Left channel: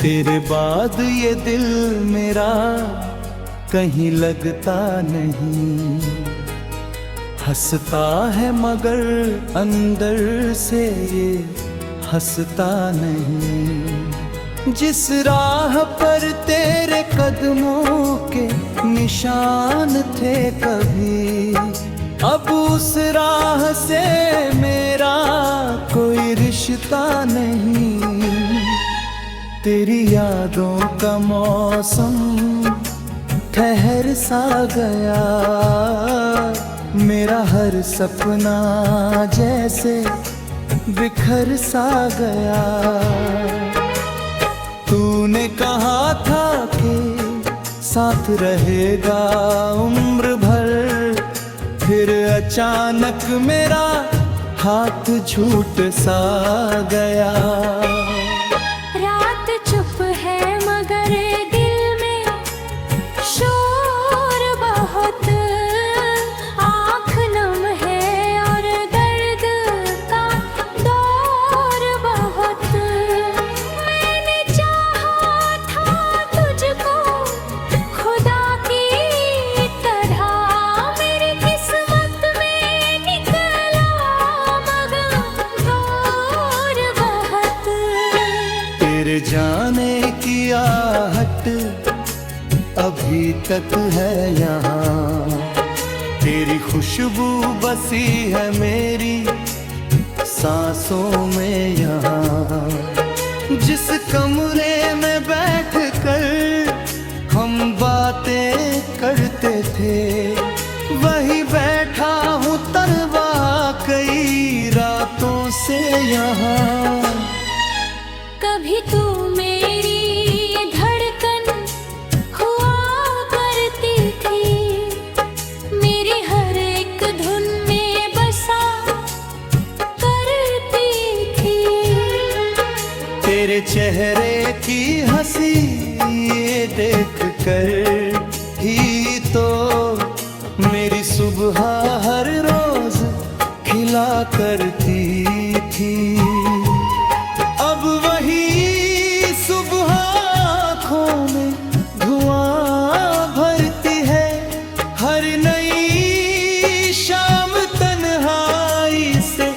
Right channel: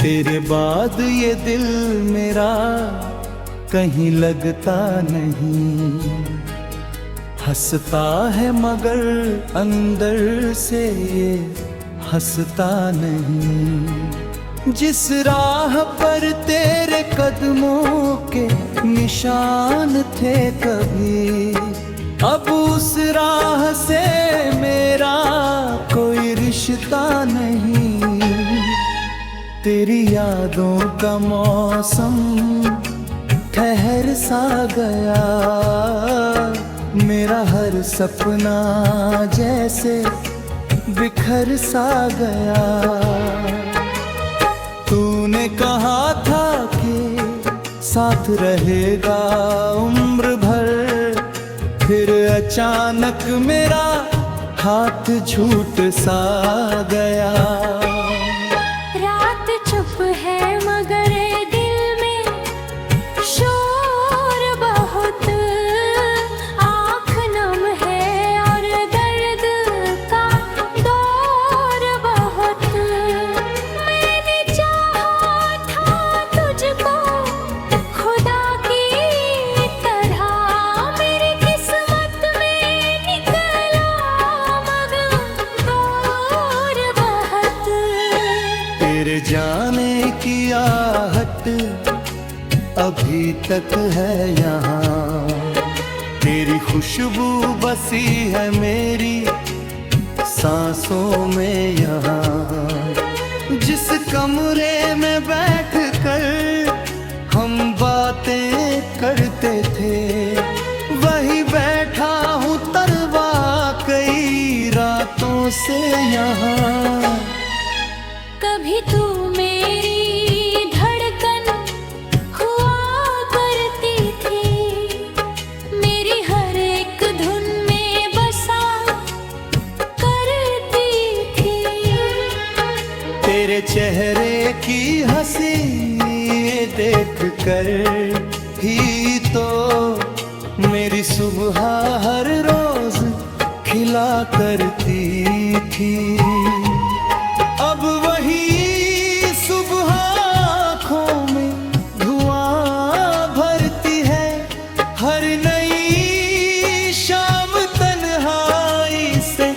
तेरे बाद ये दिल मेरा कहीं लगता नहीं, हंसता है मगर अंदर से ये हंसता नहीं। जिस राह पर तेरे कदमों के निशान थे कभी, अब उस राह से मेरा कोई रिश्ता नहीं। तेरी यादों का मौसम ठहर सा गया, मेरा हर सपना जैसे बिखर सा गया। तूने कहा था कि साथ रहेगा उम्र भर, फिर अचानक मेरा हाथ छूट सा गया। रात चुप है मगर दिल में शोर बहुत, आँख नम है और दर्द का दौर बहुत। मैंने चाहा था तुझको खुदा की तरह, मेरी किस्मत में निकला मगर दूर बहुत। तेरे जाने की आहट अभी तक है यहाँ, तेरी खुशबू बसी है मेरी सांसों में यहाँ। जिस कमरे में बैठकर हम बातें करते थे, वही बैठा हूँ तरवा कई रातों से यहाँ। कभी तू मेरी धड़कन हुआ करती थी, मेरी हर एक धुन में बसा करती थी। तेरे चेहरे की हंसी देख कर ही तो मेरी सुबह हर रोज खिला करती थी। अब वही सुबह आँखों में धुआं भरती है, हर नई शाम तन्हाई से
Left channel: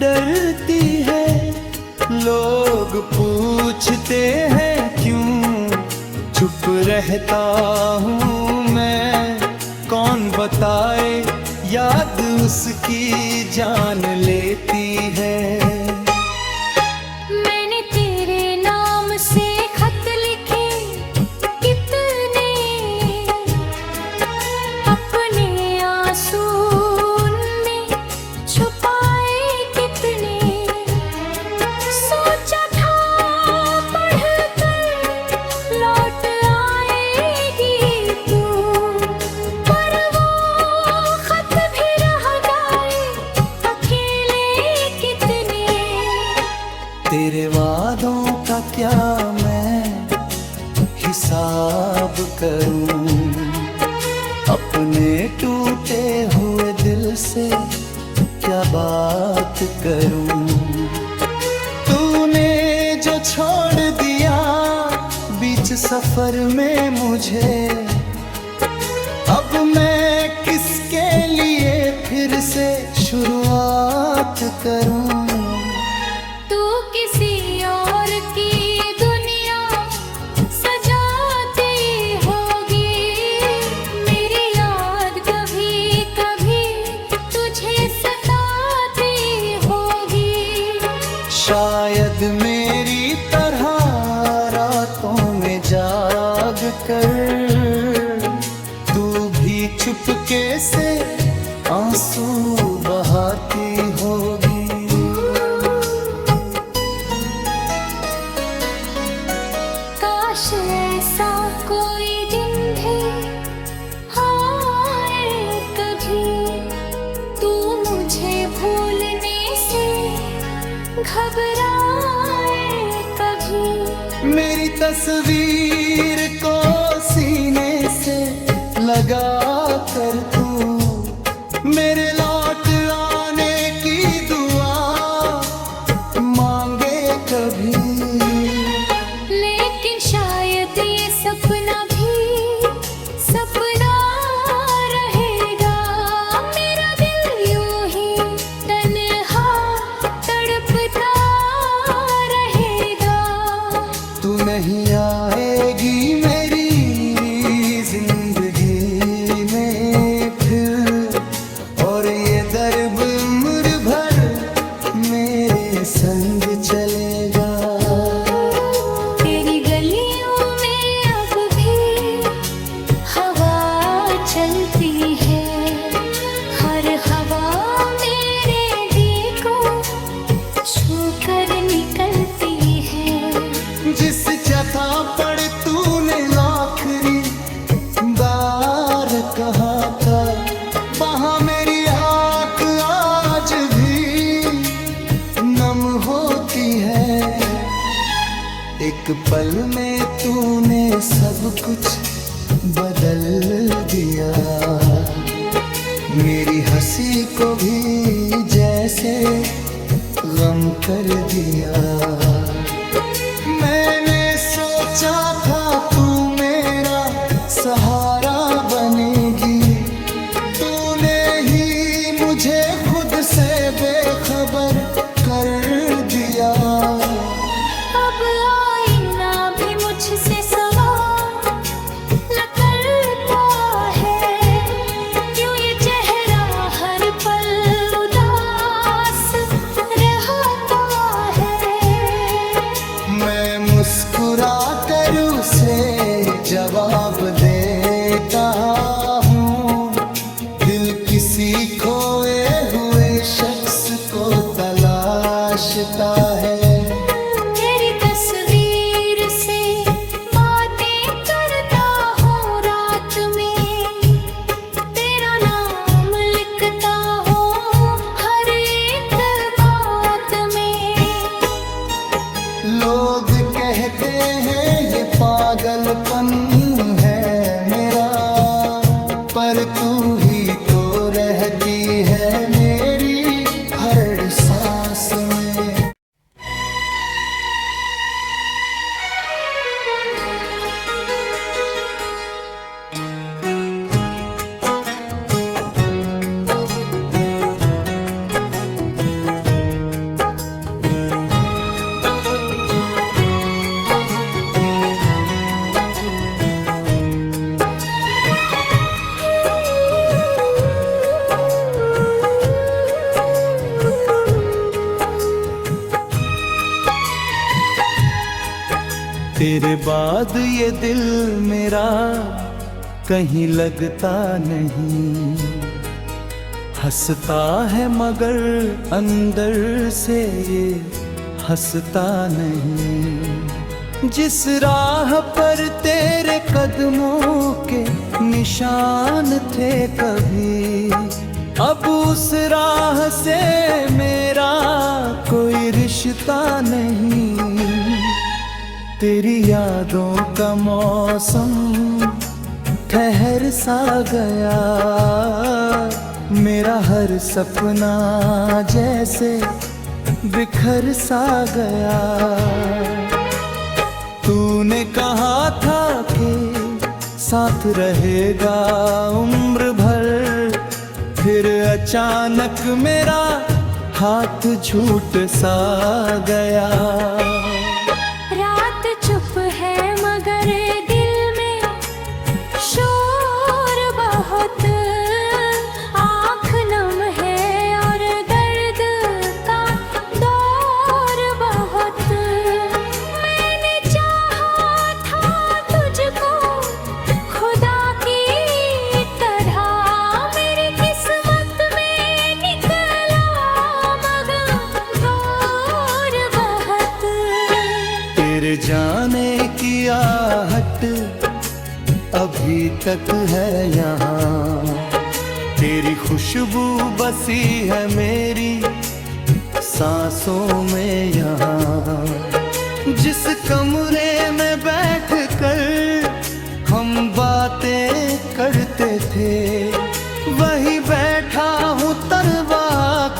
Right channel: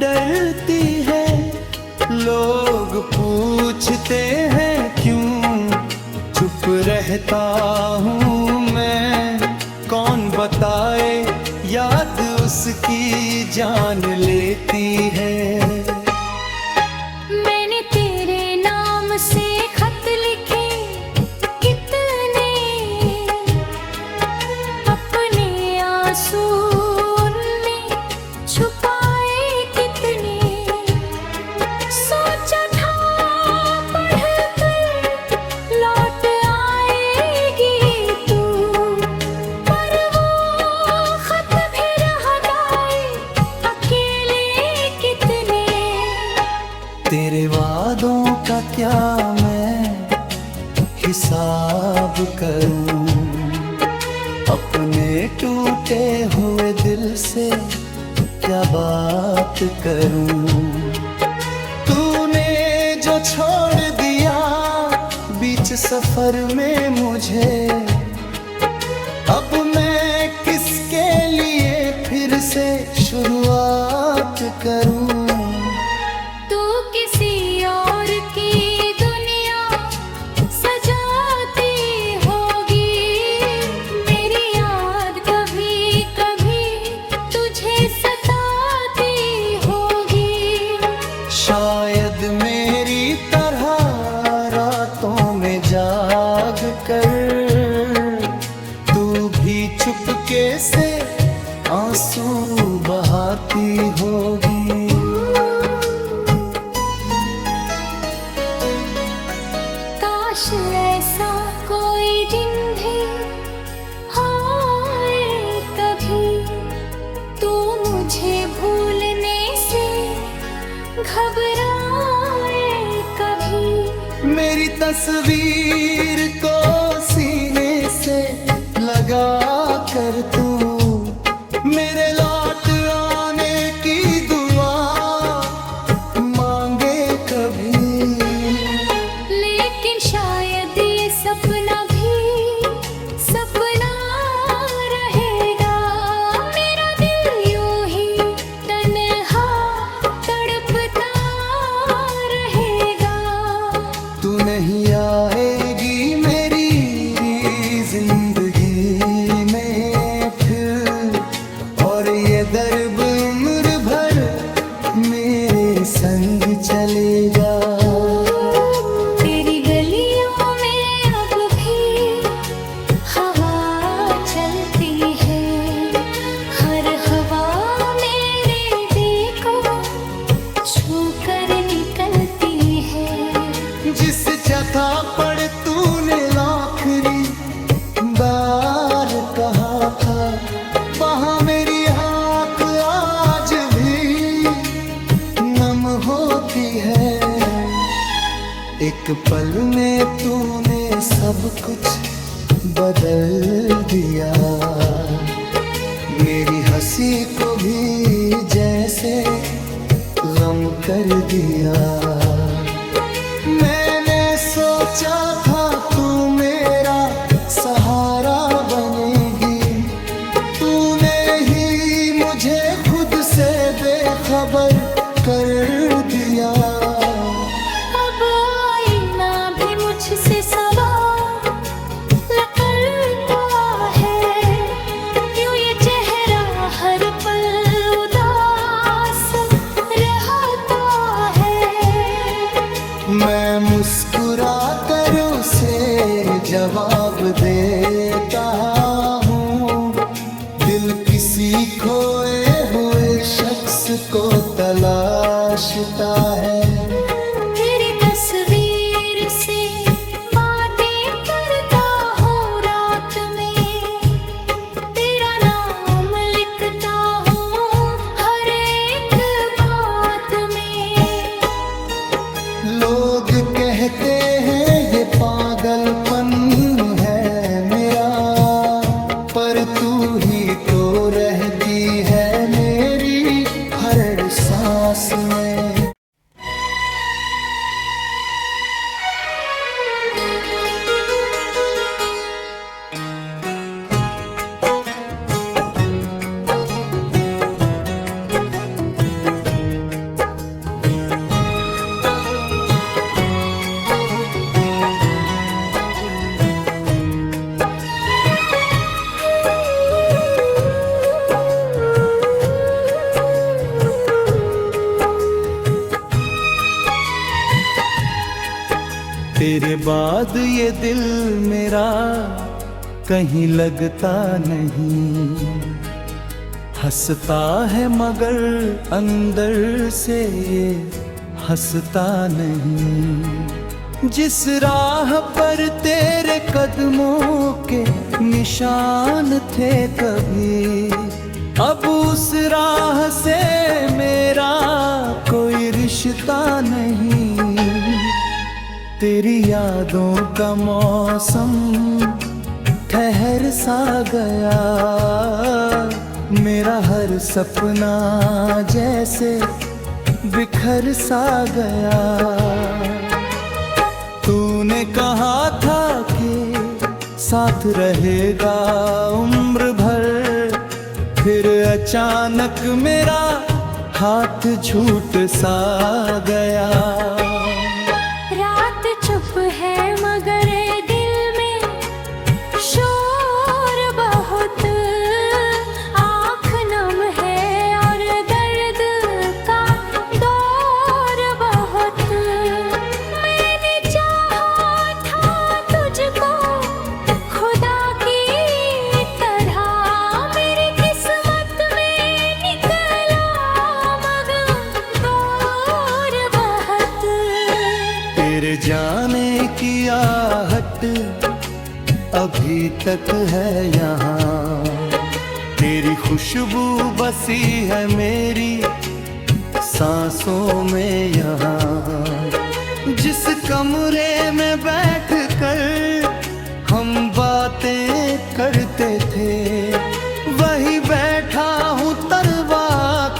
डरती है। लोग पूछते हैं क्यों चुप रहता हूँ मैं, कौन बताए याद उसकी जान लेती है। मैंने तेरे नाम से खत लिखे कितने, अपने आंसू उनमें छुपाए कितने। सोचा था पढ़कर लौट आएगी तू, पर वो खत भी रह गए अकेले कितने। तेरे वादों का क्या मैं हिसाब करूं, अपने टूटे हुए दिल से क्या बात करूं। तूने जो छोड़ दिया बीच सफर में मुझे, अब मैं किसके लिए फिर से शुरुआत करूं। तू किसी और की दुनिया सजाती होगी, मेरी याद कभी कभी तुझे सताती होगी। शायद मेरी तरह रातों में जाग कर तू भी चुपके से आंसू बहाती होगी। काश ऐसा कोई दिन भी आए कभी, तू मुझे भूलने से घबराए कभी। मेरी तस्वीर को सीने से लगा कर तू मेरे लौट आने की दुआ मांगे कभी। लेकिन नहीं आएगी मेरी जिंदगी में फिर, और ये दर्द उम्र भर मेरे संग चलेगा। तेरी गलियों में अब भी हवा चलती है, हर हवा मेरे दिल को छू कर निकलती है। जिस जगह पर तूने आखिरी बार कहा था, वहाँ मेरी आँख आज भी नम होती है। एक पल में तूने सब कुछ बदल दिया, मेरी हंसी को भी जैसे गम कर दिया। मैंने सोचा था तू मेरा सहारा बनेगी, तूने ही मुझे खुद से बेखबर कर दिया। अब आईना भी मुझसे सवाल करता है, क्यों ये चेहरा हर पल उदास रहता है। मैं मुस्कुरा कर उसे जवाब देता हूँ, दिल किसी खोए हुए शख्स को तलाशता है। तेरी तस्वीर से बातें करता हूँ रात में, तेरा नाम लिखता हूँ हर एक बात में। लोग कहते हैं ये पागलपन है मेरा, पर तू ही तो रहती है मेरी हर सांस में। तेरे बाद ये दिल मेरा कहीं लगता नहीं, हंसता है मगर अंदर से ये हंसता नहीं। जिस राह पर तेरे कदमों के निशान थे कभी, अब उस राह से मेरा कोई रिश्ता नहीं। तेरी यादों का मौसम ठहर सा गया, मेरा हर सपना जैसे बिखर सा गया। तूने कहा था कि साथ रहेगा उम्र भर, फिर अचानक मेरा हाथ छूट सा गया। रात चुप है मगर दिल में शोर बहुत, आँख नम है और दर्द का दौर बहुत। मैंने चाहा था तुझको खुदा की तरह, मेरी किस्मत में निकला मगर दूर बहुत। तेरे जाने की आहट अभी तक है यहाँ, तेरी खुशबू बसी है मेरी सांसों में यहाँ। जिस कमरे में बैठ कर हम बातें करते थे, वही बैठा हूँ तरवा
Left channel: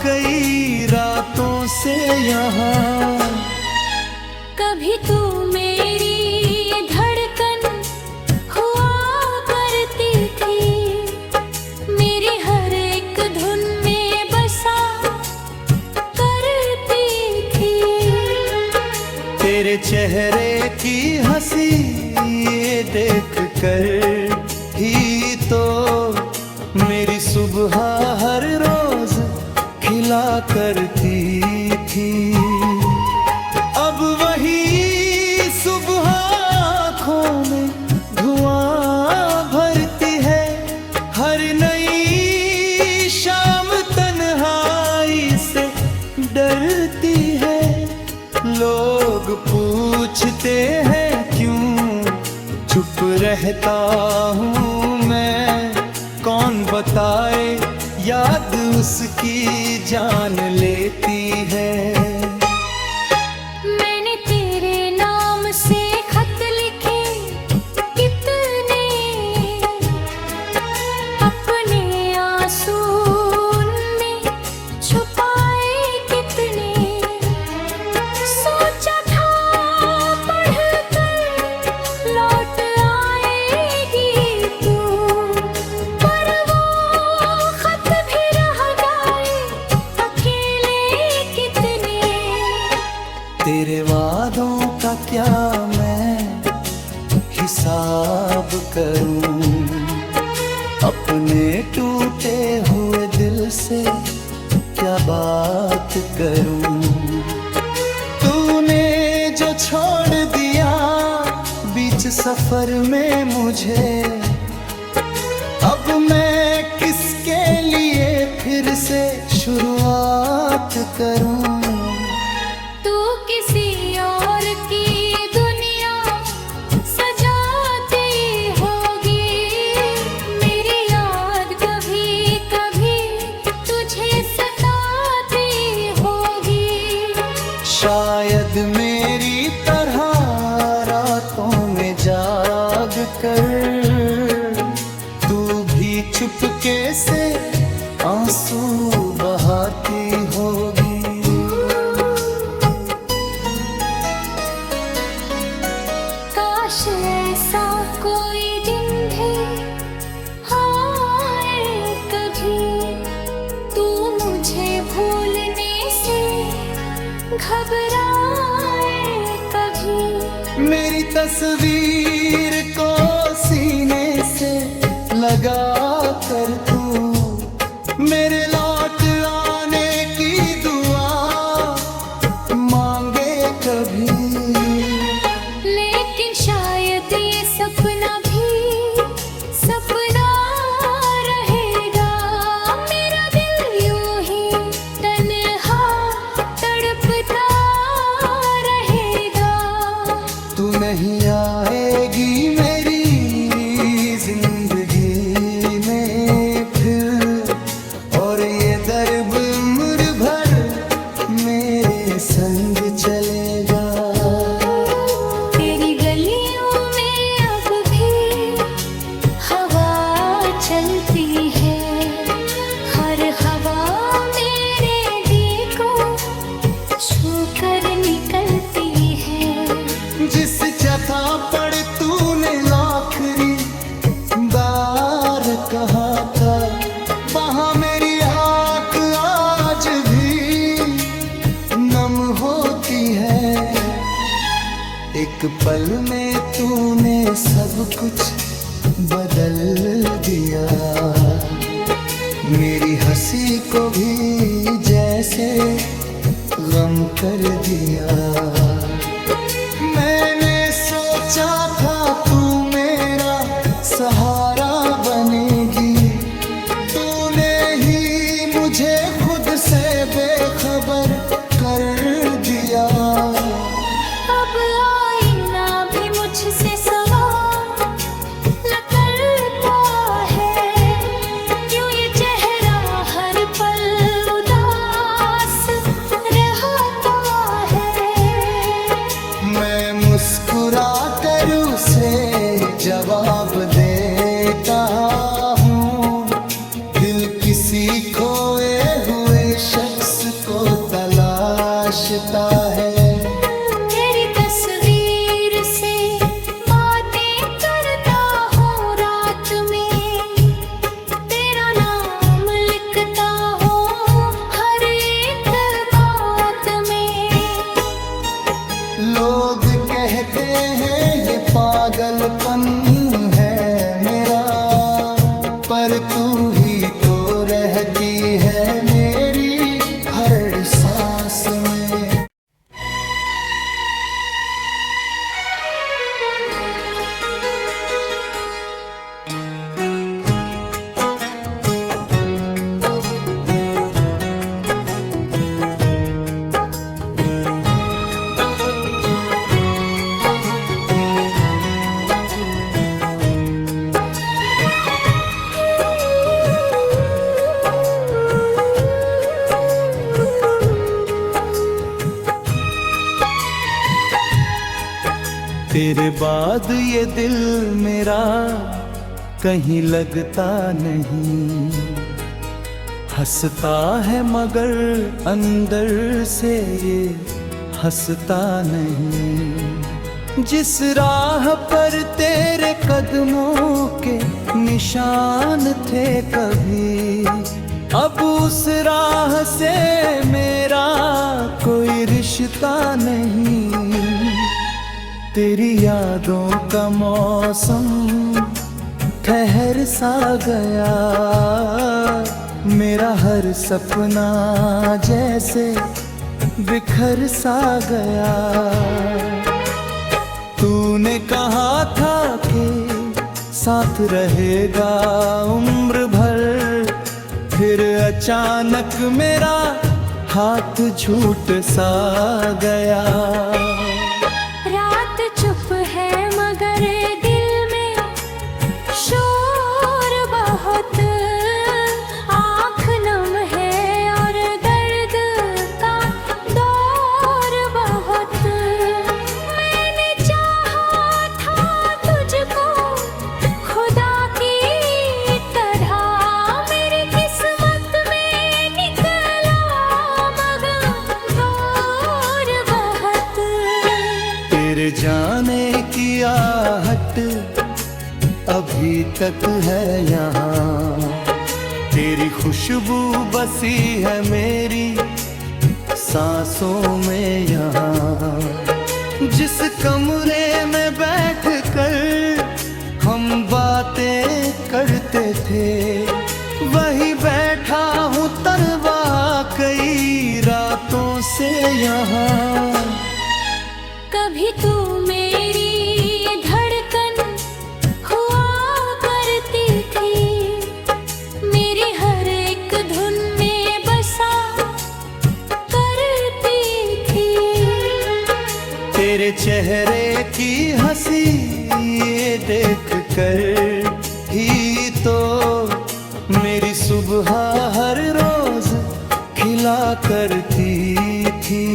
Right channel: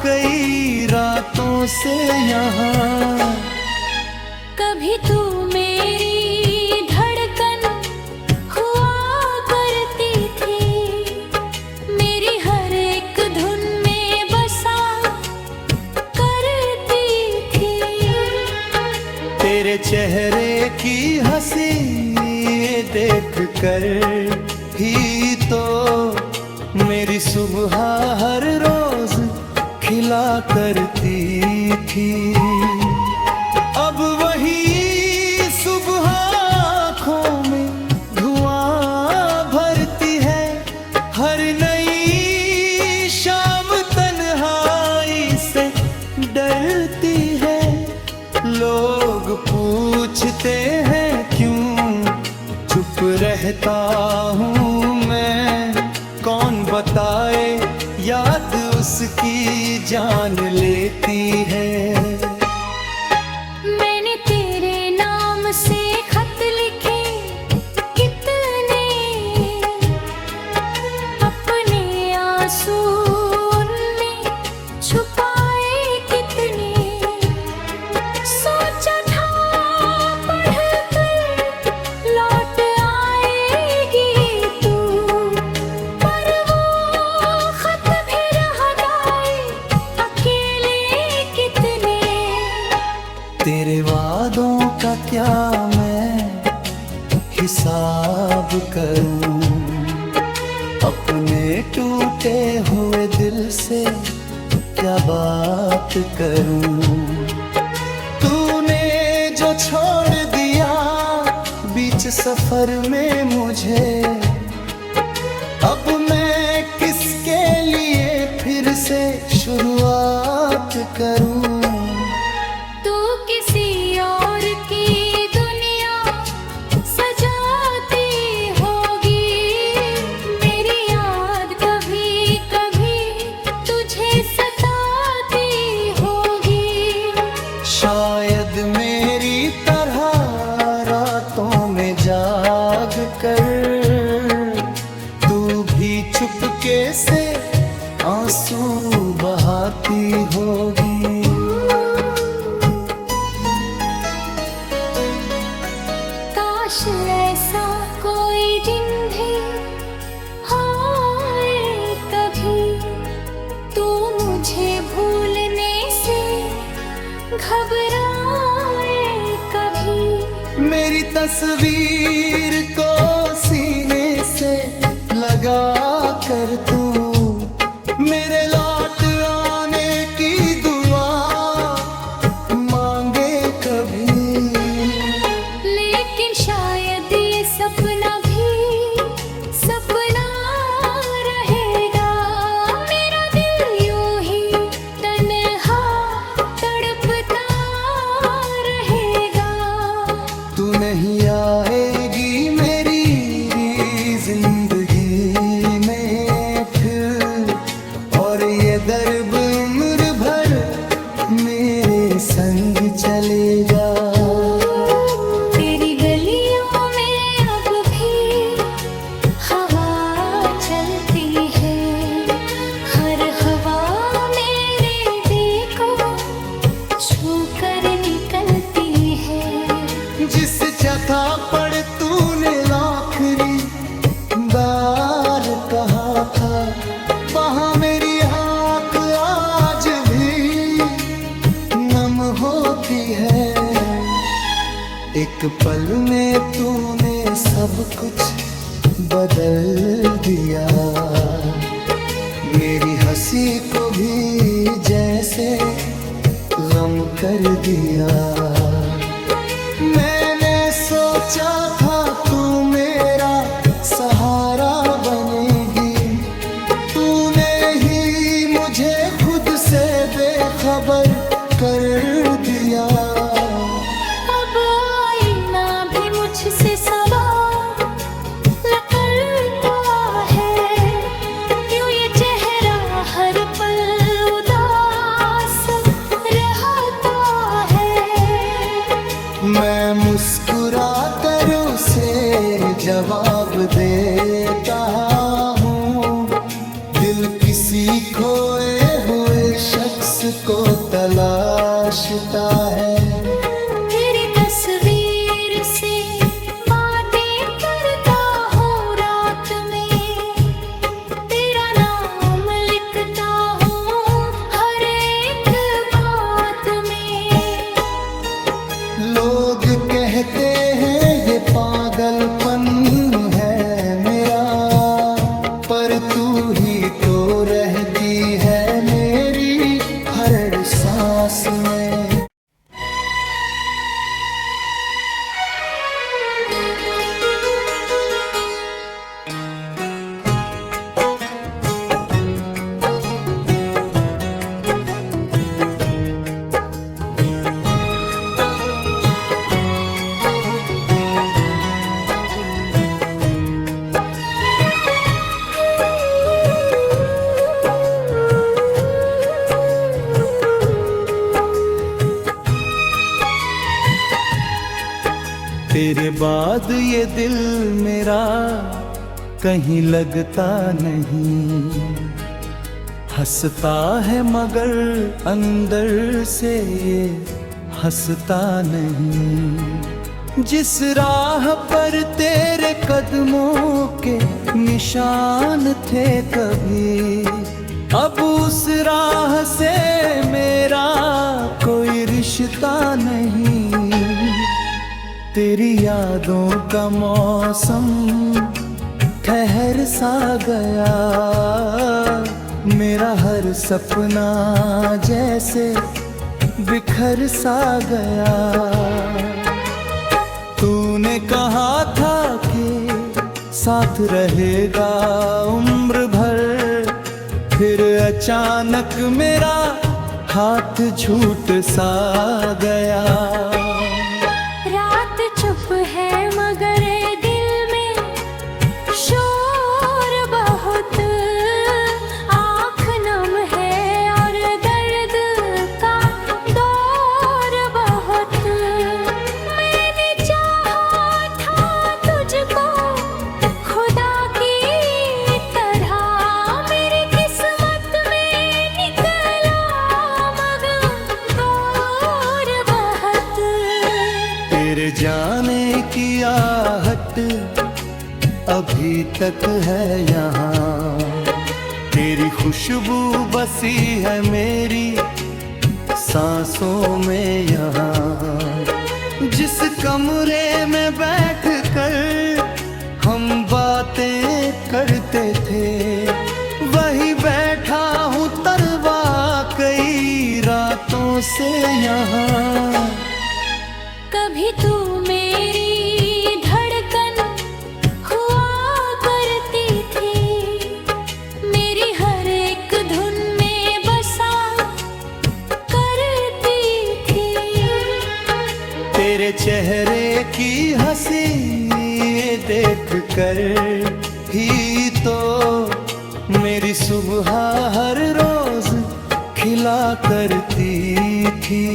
कई रातों से यहाँ। कभी तू मेरी धड़कन हुआ करती थी, मेरी हर एक धुन में बसा करती थी। तेरे चेहरे की हंसी देख कर ही तो मेरी सुबह हर रोज खिला करती थी। अब वही सुबह आँखों में धुआं भरती है, हर नई शाम तन्हाई से डरती है। लोग पूछते हैं क्यों चुप रहता हूँ मैं, कौन बताए याद उसकी जान लेती है। मैंने तेरे नाम से खत लिखे कितने, अपने आंसू उनमें छुपाए कितने। सोचा था पढ़कर लौट आएगी तू, पर वो खत भी रह गए अकेले कितने। तेरे वादों का क्या मैं हिसाब करूं, अपने टूटे हुए दिल से क्या बात करूं। तूने जो छोड़ दिया बीच सफर में मुझे, अब मैं किसके लिए फिर से शुरुआत करूं। तू किसी और की दुनिया सजाती होगी, मेरी याद कभी कभी तुझे सताती होगी। शायद मेरी तरह रातों में जाग कर तू भी चुपके से आंसू बहाती होगी। काश ऐसा कोई दिन भी आए कभी, तू मुझे भूलने से घबराए कभी। मेरी तस्वीर को सीने से लगा कर तू मेरे लौट आने की दुआ मांगे कभी। लेकिन शायद ये सपना भी सपना रहेगा, मेरा दिल यूं ही तन्हा तड़पता रहेगा। तू नहीं आएगी मेरी जिंदगी में फिर, और ये दर्द उम्र भर मेरे संग चलेगा। तेरी गलियों में अब भी हवा चलती है, हर हवा मेरे दिल को छू कर निकलती है। जिस जगह पर तूने आखिरी बार कहा था, वहाँ मेरी आँख आज भी नम होती है। एक पल में तूने सब कुछ बदल दिया, मेरी हंसी को भी जैसे गम कर दिया। मैंने सोचा था तू मेरा सहारा बनेगी, तूने ही मुझे खुद से बेखबर कर दिया। अब आईना भी मुझसे सवाल करता है, यूं ये चेहरा हर पल उदास रहता है। मैं मुस्कुरा कर उसे जवाब देता हूँ, दिल किसी खोए हुए शख्स को तलाशता है। तेरी तस्वीर से बातें करता हूँ रात में, तेरा नाम लिखता हूँ हर एक बात में। लोग कहते हैं ये पागलपन है मेरा, पर तू ही तो रहती है मेरी हर सांस में। तेरे बाद ये दिल मेरा कहीं लगता नहीं, हंसता है मगर अंदर से ये हंसता नहीं। जिस राह पर तेरे कदमों के निशान थे कभी, अब उस राह से मेरा कोई रिश्ता नहीं। तेरी यादों का मौसम ठहर सा गया, मेरा हर सपना जैसे बिखर सा गया। तूने कहा था कि साथ रहेगा उम्र भर, फिर अचानक मेरा हाथ छूट सा गया। रात चुप है मगर दिल में शोर बहुत, आँख नम है और दर्द का दौर बहुत। मैंने चाहा था तुझको खुदा की तरह, मेरी किस्मत में निकला मगर दूर बहुत। तेरे जाने की आहट अभी तक है यहाँ, तेरी खुशबू बसी है मेरी सांसों में यहाँ। जिस कमरे में बैठ कर हम बातें करते थे, वही बैठा हूँ तरवा कई रातों से यहाँ। कभी तू मेरी धड़कन हुआ करती थी, मेरी हर एक धुन में बसा करती थी। तेरे चेहरे की हंसी देख कर ही तो मेरी सुबह हर रोज खिला करती थी।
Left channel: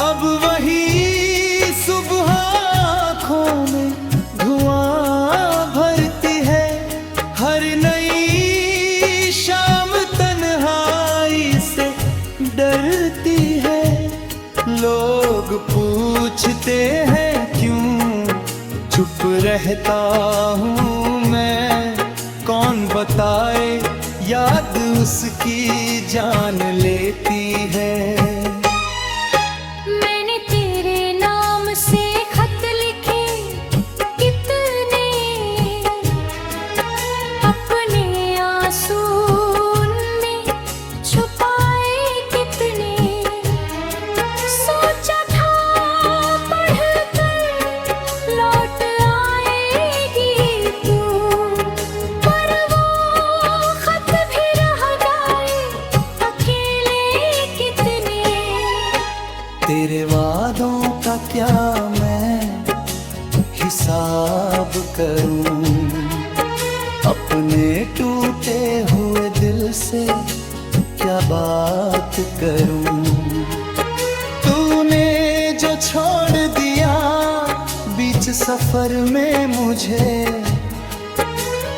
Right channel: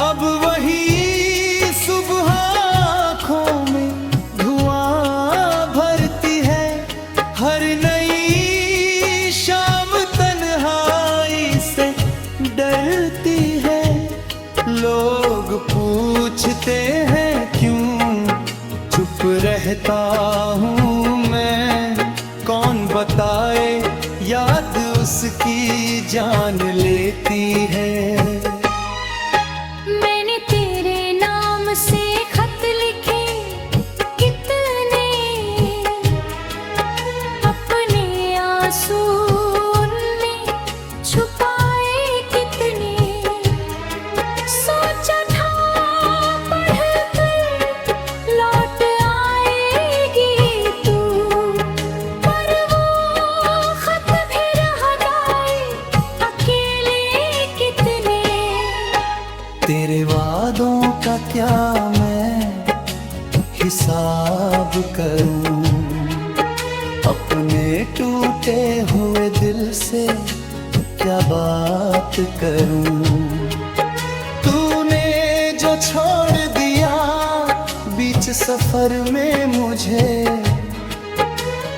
अब वही सुबह आँखों में धुआं भरती है, हर नई शाम तन्हाई से डरती है। लोग पूछते हैं क्यों चुप रहता हूँ मैं, कौन बताए याद उसकी जान लेती है। से खत लिखे कितने, अपने आंसू उनमें छुपाए कितने। सोचा था पढ़कर लौट आएगी तू, पर वो खत भी रह गए अकेले कितने। तेरे वादों का क्या मैं हिसाब करूं, अपने टूटे हुए दिल से क्या बात करूं। तूने जो छोड़ दिया बीच सफर में मुझे,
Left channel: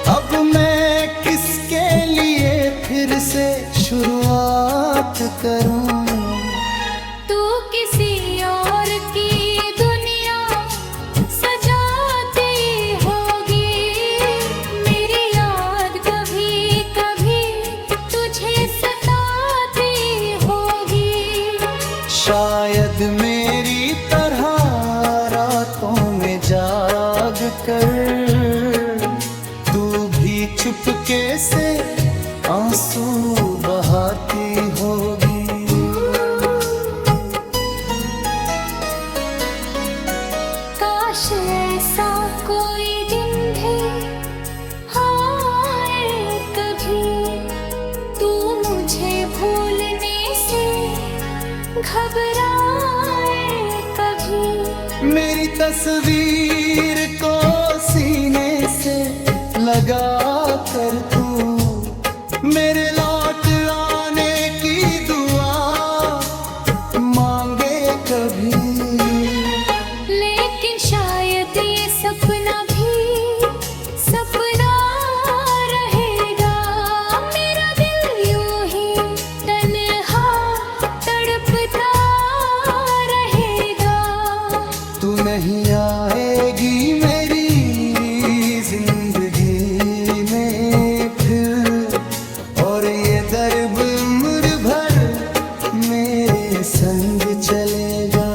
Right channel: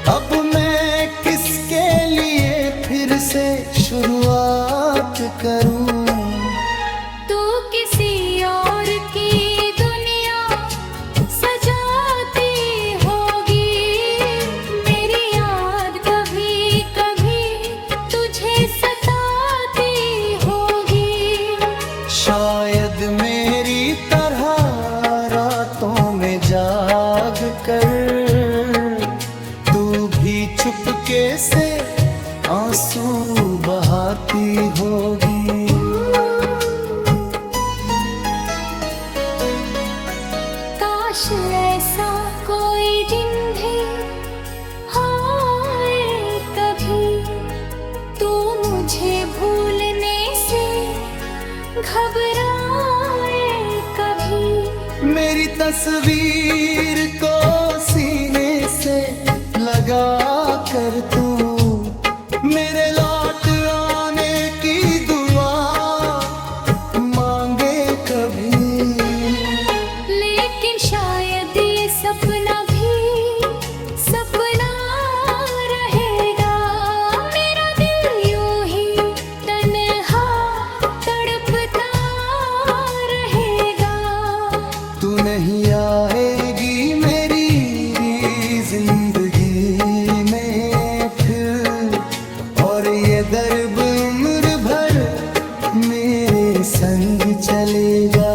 अब मैं किसके लिए फिर से शुरुआत करूं। तू किसी और की दुनिया सजाती होगी, मेरी याद कभी कभी तुझे सताती होगी। शायद शायद मेरी तरह रातों में जाग कर तू भी चुपके से आंसू बहाती होगी। काश ऐसा कोई दिन भी आए कभी, तू मुझे भूलने से घबराए कभी। मेरी तस्वीर को सीने से लगा कर तू मेरे लौट आने की दुआ मांगे कभी। लेकिन शायद ये सपना भी सपना रहेगा, मेरा दिल यूं ही तन्हा तड़पता रहेगा। तू नहीं आएगी मेरी जिंदगी में फिर, और ये दर्द उम्र भर मेरे संग चलेगा।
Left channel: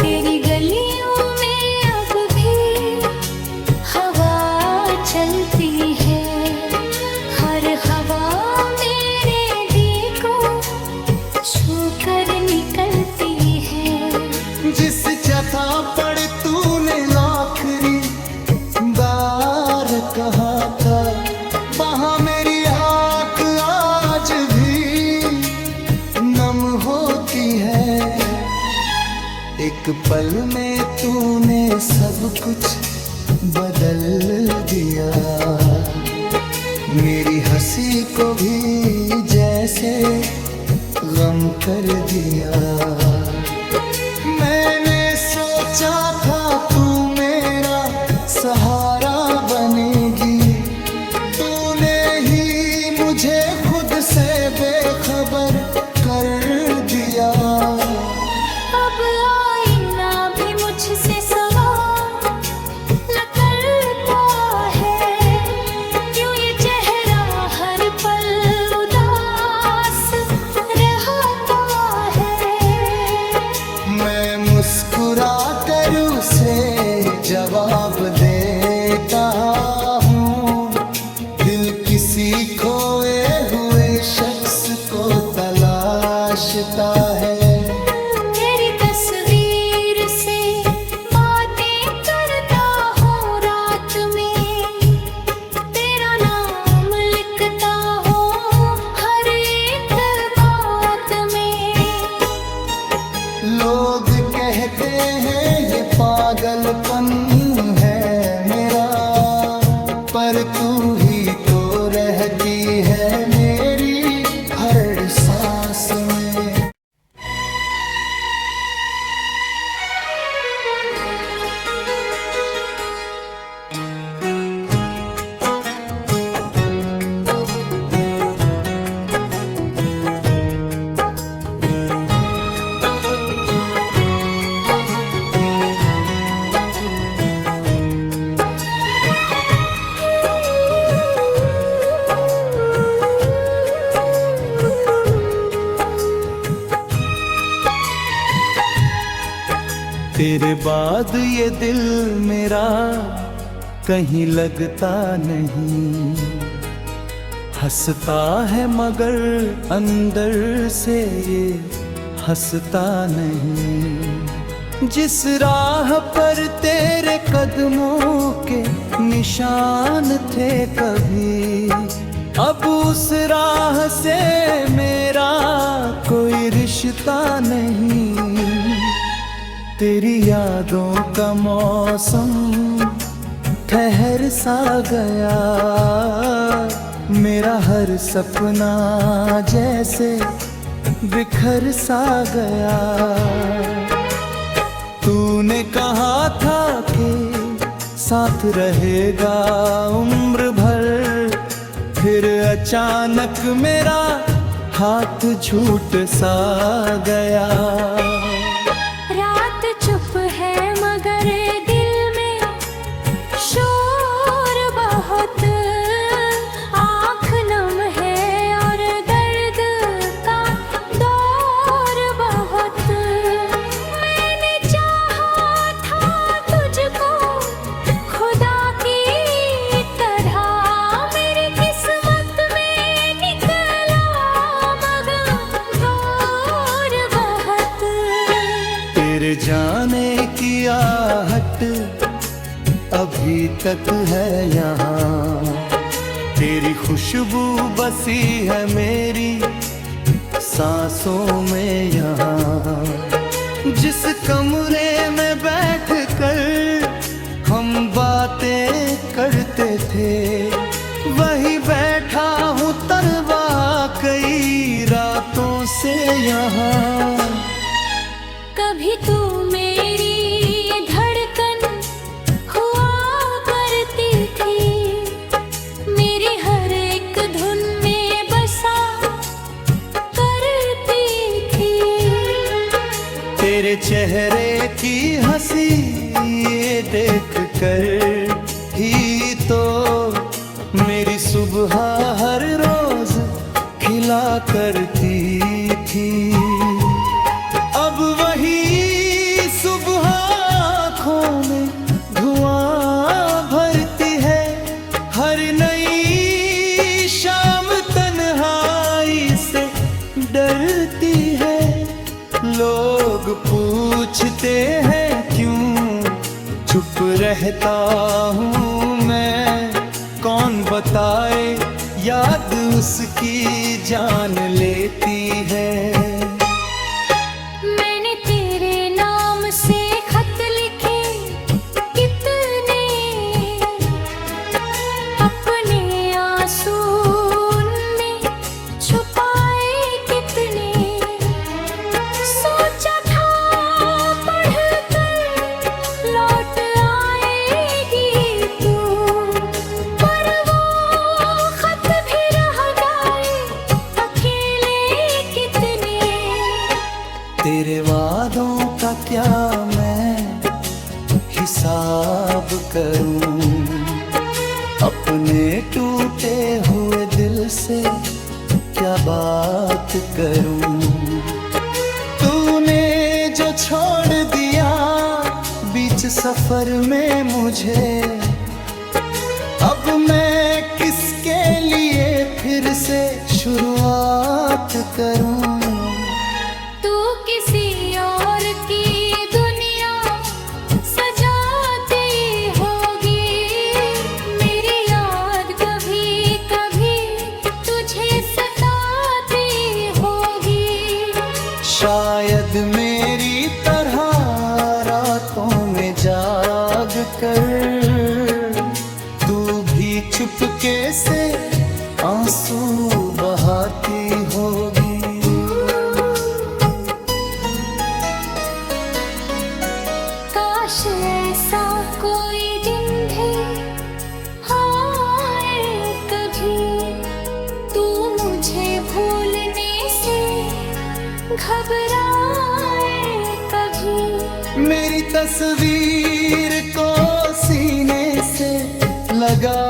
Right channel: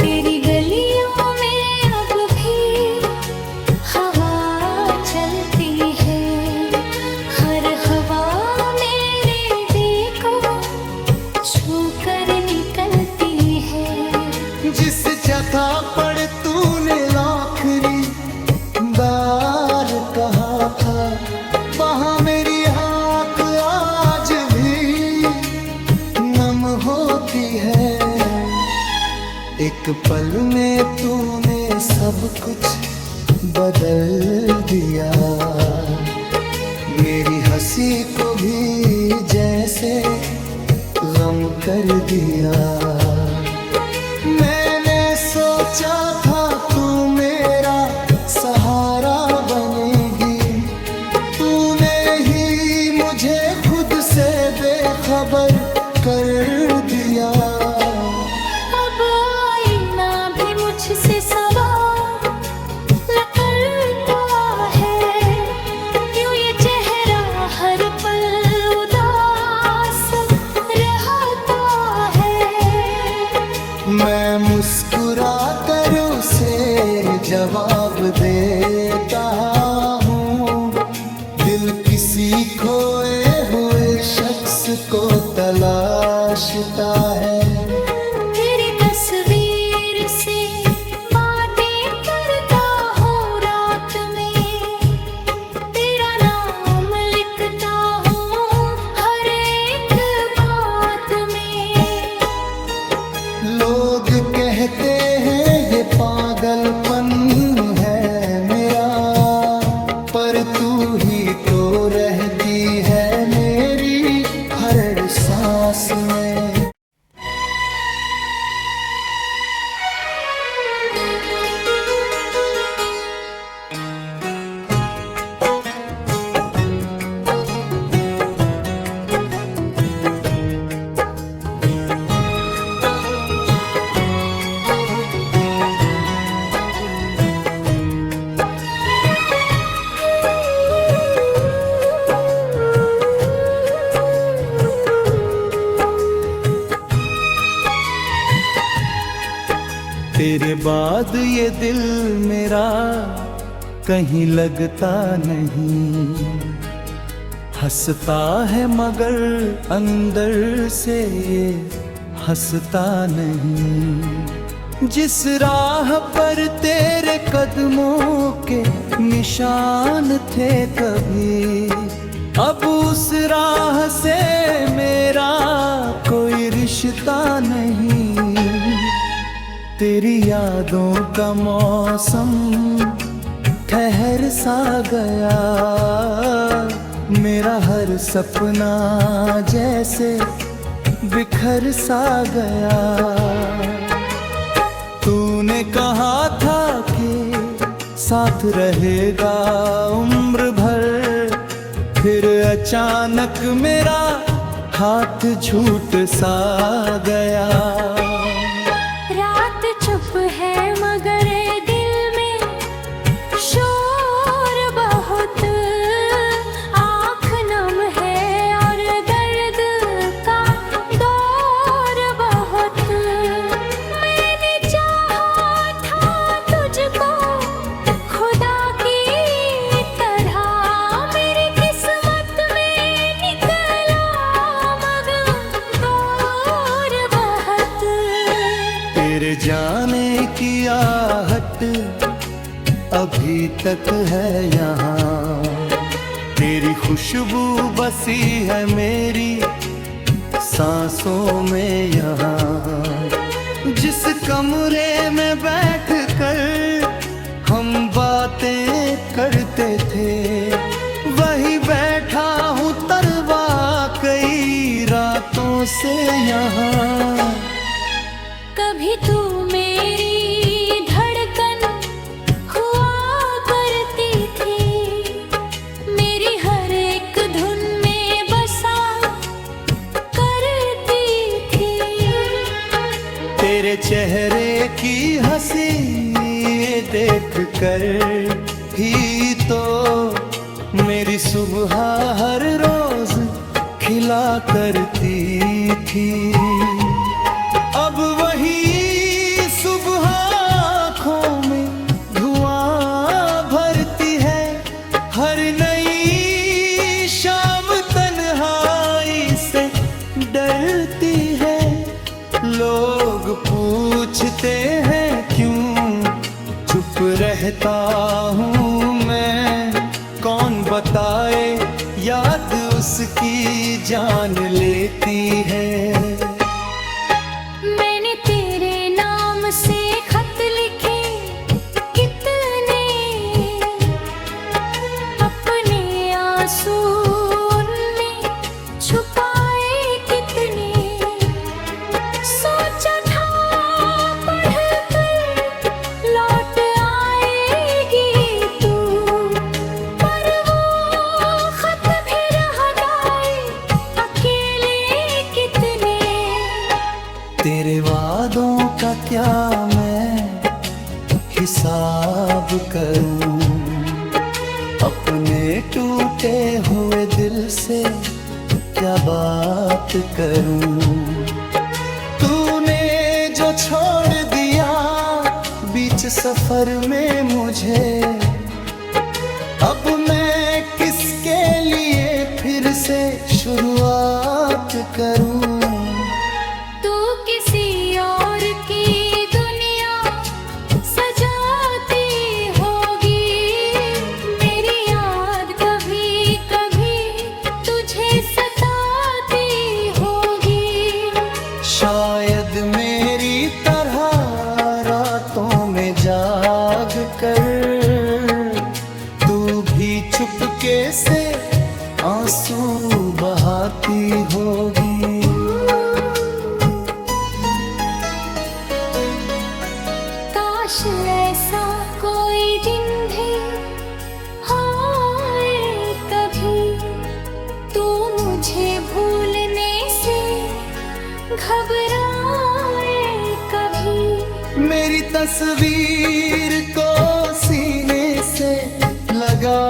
तेरी गलियों में अब भी हवा चलती है, हर हवा मेरे दिल को छू कर निकलती है। जिस जगह पर तूने आखिरी बार कहा था, वहाँ मेरी आँख आज भी नम होती है। एक पल में तूने सब कुछ बदल दिया, मेरी हंसी को भी जैसे गम कर दिया। मैंने सोचा था तू मेरा सहारा बनेगी, तूने ही मुझे खुद से बेखबर कर दिया। अब आईना भी मुझसे सवाल करता है, क्यों ये चेहरा हर पल उदास रहता है। मैं मुस्कुरा कर उसे जवाब देता हूँ, दिल किसी खोए हुए शख्स को तलाशता है। तेरी तस्वीर से बातें करता हूँ रात में, तेरा नाम लिखता हूँ हर एक बात में। लोग कहते हैं ये पागलपन है मेरा, पर तू ही तो रहती है मेरी हर सांस में। तेरे बाद ये दिल मेरा कहीं लगता नहीं, हंसता है मगर अंदर से ये हंसता नहीं। जिस राह पर तेरे कदमों के निशान थे कभी, अब उस राह से मेरा कोई रिश्ता नहीं। तेरी यादों का मौसम ठहर सा गया, मेरा हर सपना जैसे बिखर सा गया। तूने कहा था कि साथ रहेगा उम्र भर, फिर अचानक मेरा हाथ झूठ सा गया। रात चुप है मगर दिल में शोर बहुत, आँख नम है और दर्द का दौर बहुत। फिर जाने की आहट अभी तक है यहाँ। तेरी खुशबू बसी है मेरी सांसों में यहाँ। जिस कमरे में बैठ कर हम बातें करते थे, वही बैठा हूँ तरवा कई रातों से यहाँ। कभी तू मेरी धड़कन हुआ करती थी, मेरी हर एक धुन में बसा करती थी। तेरे चेहरे की हंसी देख कर ही तो मेरी सुबह हर रोज खिला करती थी। अब वही सुबह आँखों में धुआं भरती है, हर नई शाम तन्हाई से डरती है। लोग पूछते हैं क्यों चुप रहता हूँ मैं, कौन बताए याद उसकी जान लेती है। मैंने तेरे नाम से खत लिखे कितने, अपने आंसू उनमें छुपाए कितने। सोचा था पढ़कर लौट आएगी तू, पर वो खत भी रह गए अकेले कितने। तेरे वादों का क्या मैं हिसाब करूं, अपने टूटे हुए दिल से क्या बात करूं। तूने जो छोड़ दिया बीच सफर में मुझे, अब मैं किसके लिए फिर से शुरुआत करूं। तू किसी और की दुनिया सजाती होगी, मेरी याद कभी कभी तुझे सताती होगी। शायद मेरी तरह रातों में जाग कर तू भी चुपके से आंसू बहाती होगी। काश ऐसा कोई दिन भी आए कभी, तू मुझे भूलने से घबराए कभी। मेरी तस्वीर को सीने से लगा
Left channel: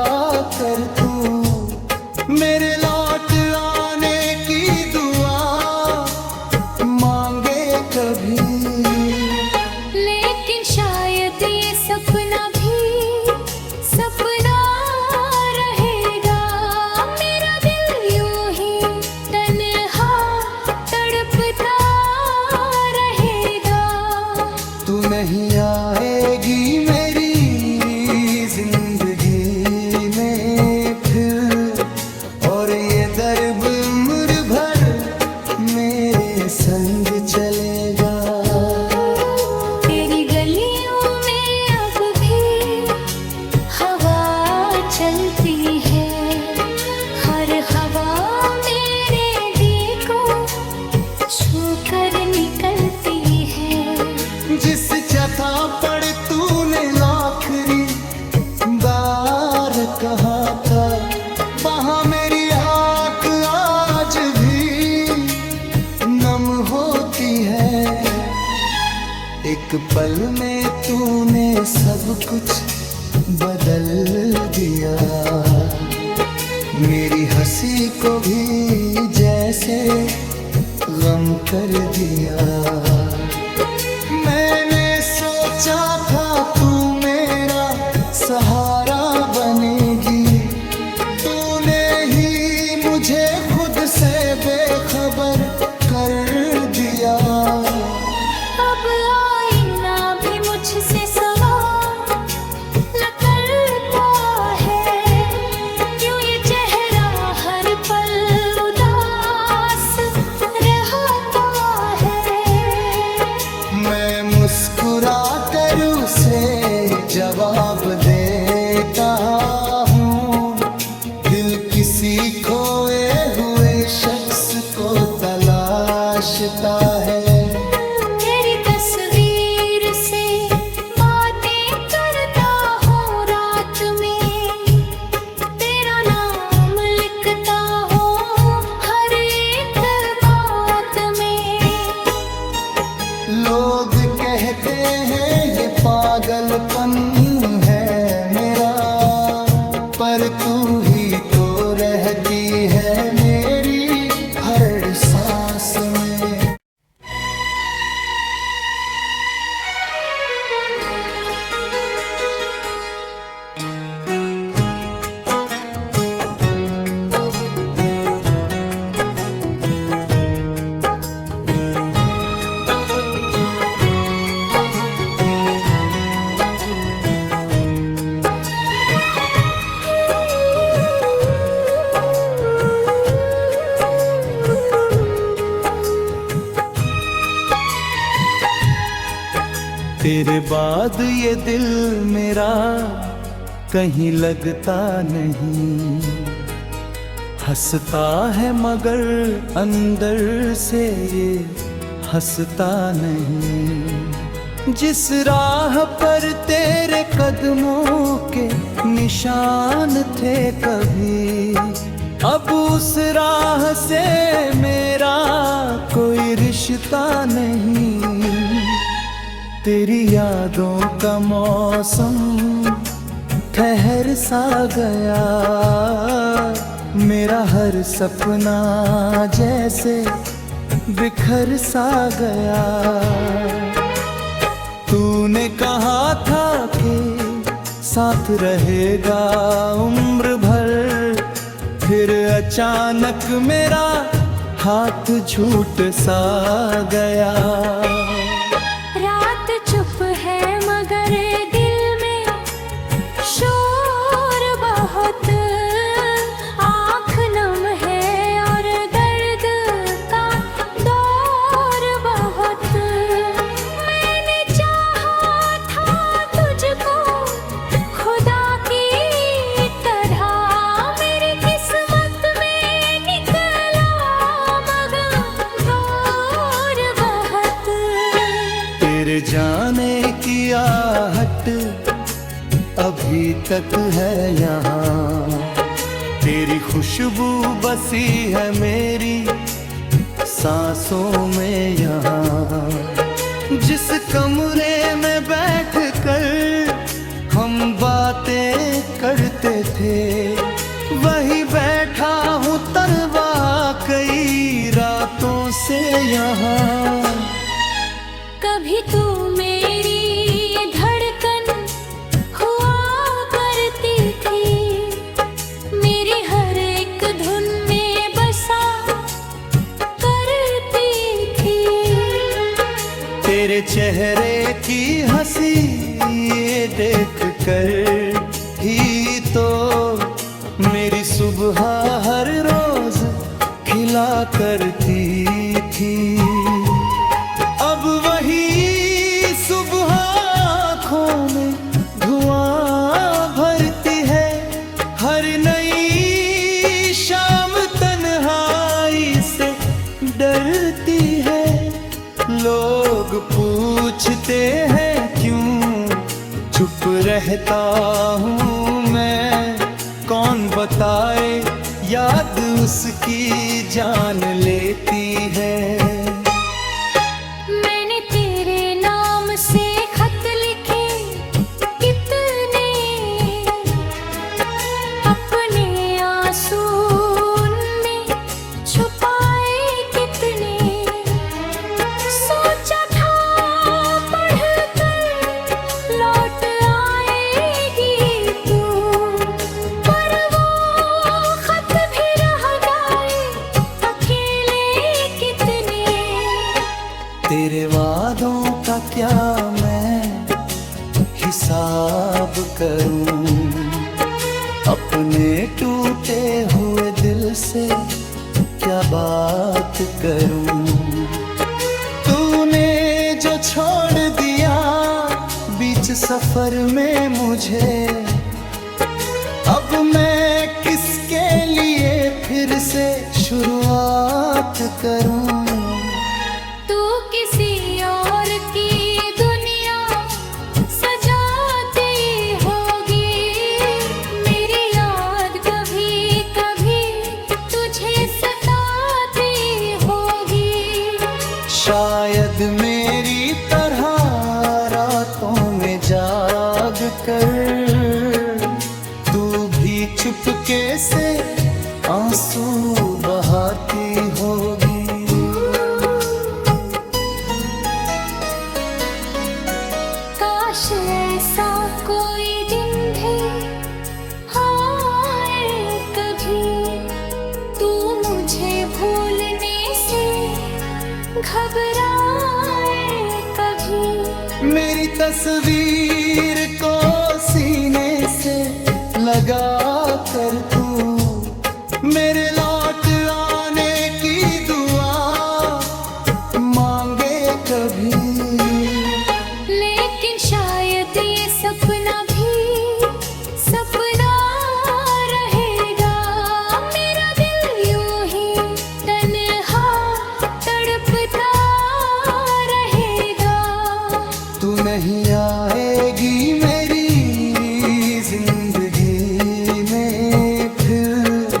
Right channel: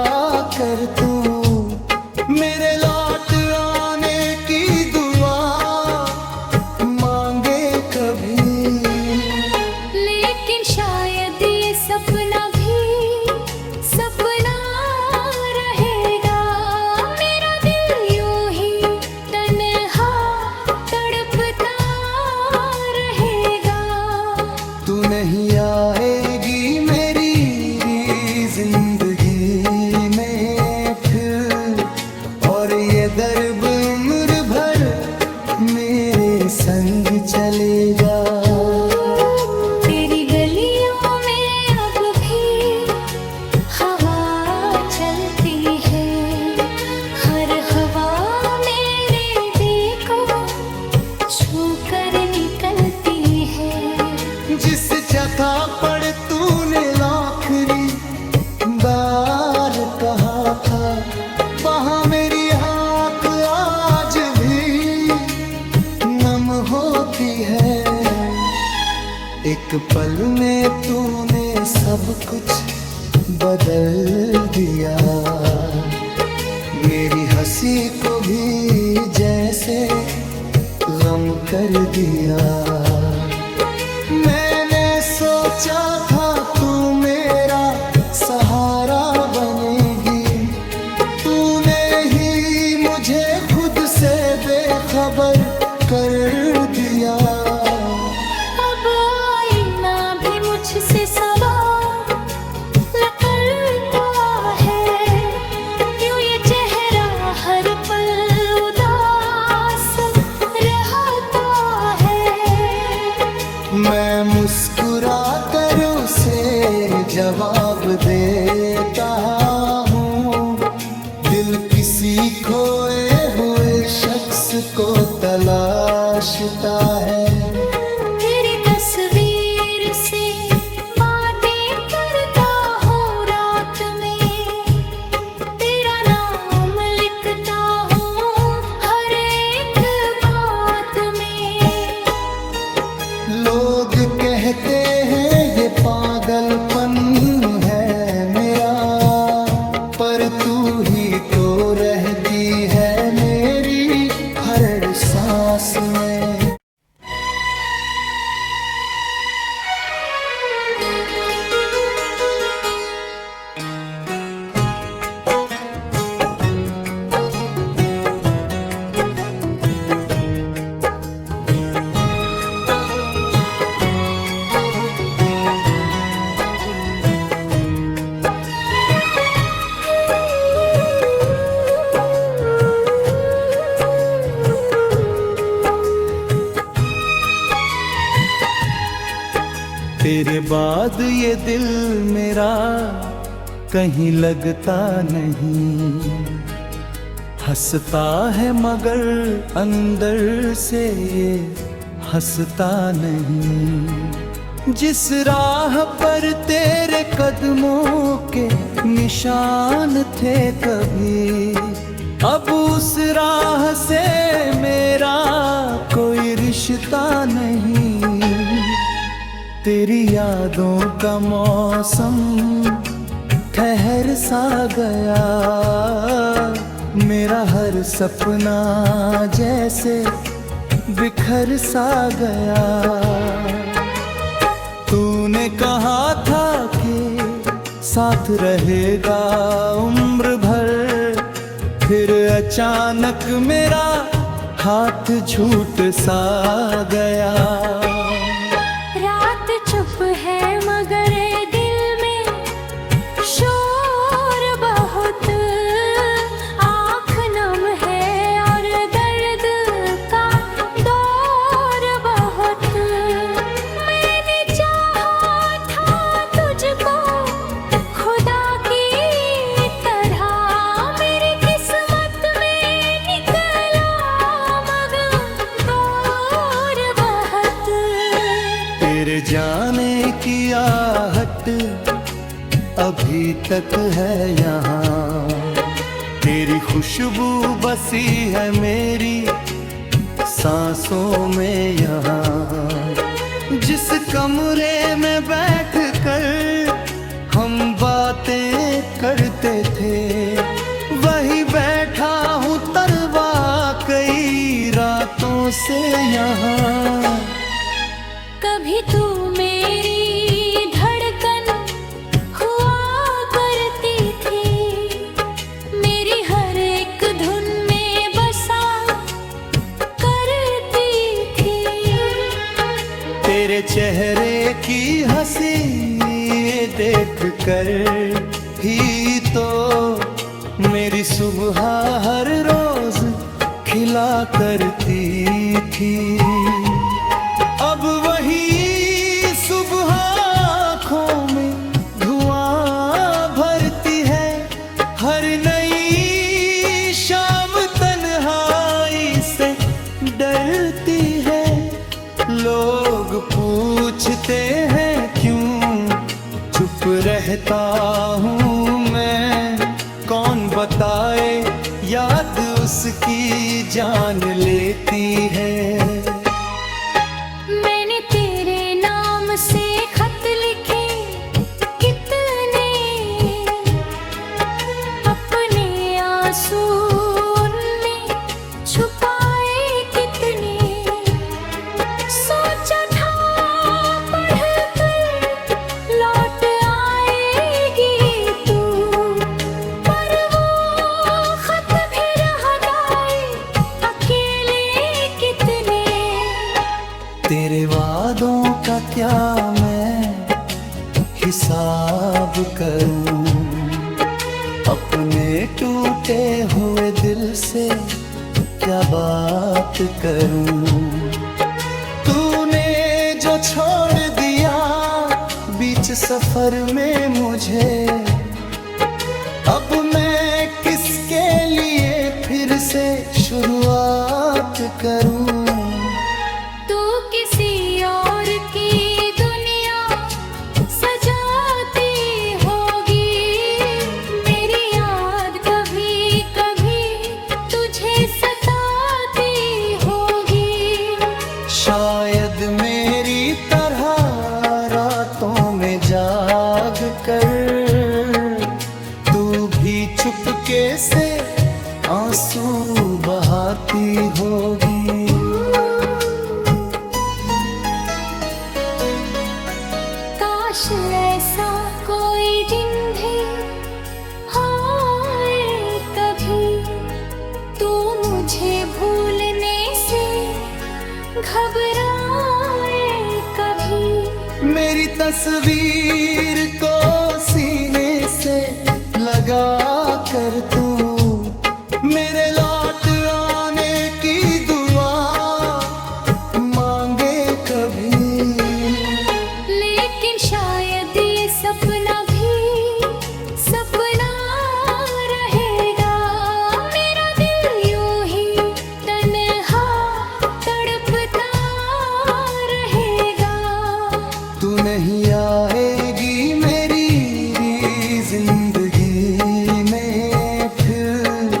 कर तू मेरे लौट आने की दुआ मांगे कभी। लेकिन शायद ये सपना भी सपना रहेगा, मेरा दिल यूं ही तन्हा तड़पता रहेगा। तू नहीं आएगी मेरी जिंदगी में फिर, और ये दर्द उम्र भर मेरे संग चलेगा। तेरी गलियों में अब भी हवा चलती है, हर हवा मेरे दिल को छू कर निकलती है। जिस जगह पर तूने आखिरी बार कहा था, वहाँ मेरी आँख आज भी नम होती है। एक पल में तूने सब कुछ बदल दिया, मेरी हंसी को भी जैसे गम कर दिया। मैंने सोचा था तू मेरा सहारा बनेगी, तूने ही मुझे खुद से बेखबर कर दिया। अब मुझसे सवाल न करता है, यूं ये चेहरा हर पल उदास रहता है। मैं मुस्कुरा कर उसे जवाब देता हूँ, दिल किसी खोए हुए शख्स को तलाशता है। तेरी तस्वीर से बातें करता हूँ रात में, तेरा नाम लिखता हूँ हर एक बात में। लोग कहते हैं ये पागलपन है मेरा, पर तू ही तो रहती है मेरी हर सांस में। तेरे बाद ये दिल मेरा कहीं लगता नहीं, हंसता है मगर अंदर से ये हंसता नहीं। जिस राह पर तेरे कदमों के निशान थे कभी, अब उस राह से मेरा कोई रिश्ता नहीं। तेरी यादों का मौसम ठहर सा गया, मेरा हर सपना जैसे बिखर सा गया। तूने कहा था कि साथ रहेगा उम्र भर, फिर अचानक मेरा हाथ छूट सा गया। रात चुप है मगर दिल में शोर बहुत, आँख नम है और दर्द का दौर बहुत। मैंने चाहा था तुझको खुदा की तरह, मेरी किस्मत में निकला मगर दूर बहुत। तेरे जाने की आहट अभी तक है यहाँ, तेरी खुशबू बसी है मेरी सांसों में यहाँ। जिस कमरे में बैठ कर हम बातें करते थे, वही बैठा हूँ तरवा कई रातों से यहाँ। कभी तू मेरी धड़कन हुआ करती थी, मेरी हर एक धुन में बसा करती थी। तेरे चेहरे की हंसी देख कर ही तो मेरी सुबह हर रोज खिला करती थी। अब वही सुबह आँखों में धुआं भरती है, हर नई शाम तन्हाई से डरती है। लोग पूछते हैं क्यों चुप रहता हूँ मैं, कौन बताए याद उसकी जान लेती है। मैंने तेरे नाम से खत लिखे कितने, अपने आंसू उनमें छुपाए कितने। सोचा था पढ़कर लौट आएगी तू, पर वो खत भी रह गए अकेले कितने। तेरे वादों का क्या मैं हिसाब करूं, अपने टूटे हुए दिल से क्या बात करूं। तूने जो छोड़ दिया बीच सफर में मुझे, अब मैं किसके लिए फिर से शुरुआत करूं। तू किसी और की दुनिया सजाती होगी, मेरी याद कभी कभी तुझे सताती होगी। शायद मेरी तरह रातों में जाग कर तू भी चुपके से आंसू बहाती होगी। काश ऐसा कोई दिन भी आए कभी, तू मुझे भूलने से घबराए कभी। मेरी तस्वीर को सीने से लगा कर तू मेरे लौट आने की दुआ मांगे कभी। लेकिन शायद ये सपना भी सपना रहेगा, मेरा दिल यूं ही तन्हा तड़पता रहेगा। तू नहीं आएगी मेरी जिंदगी में फिर,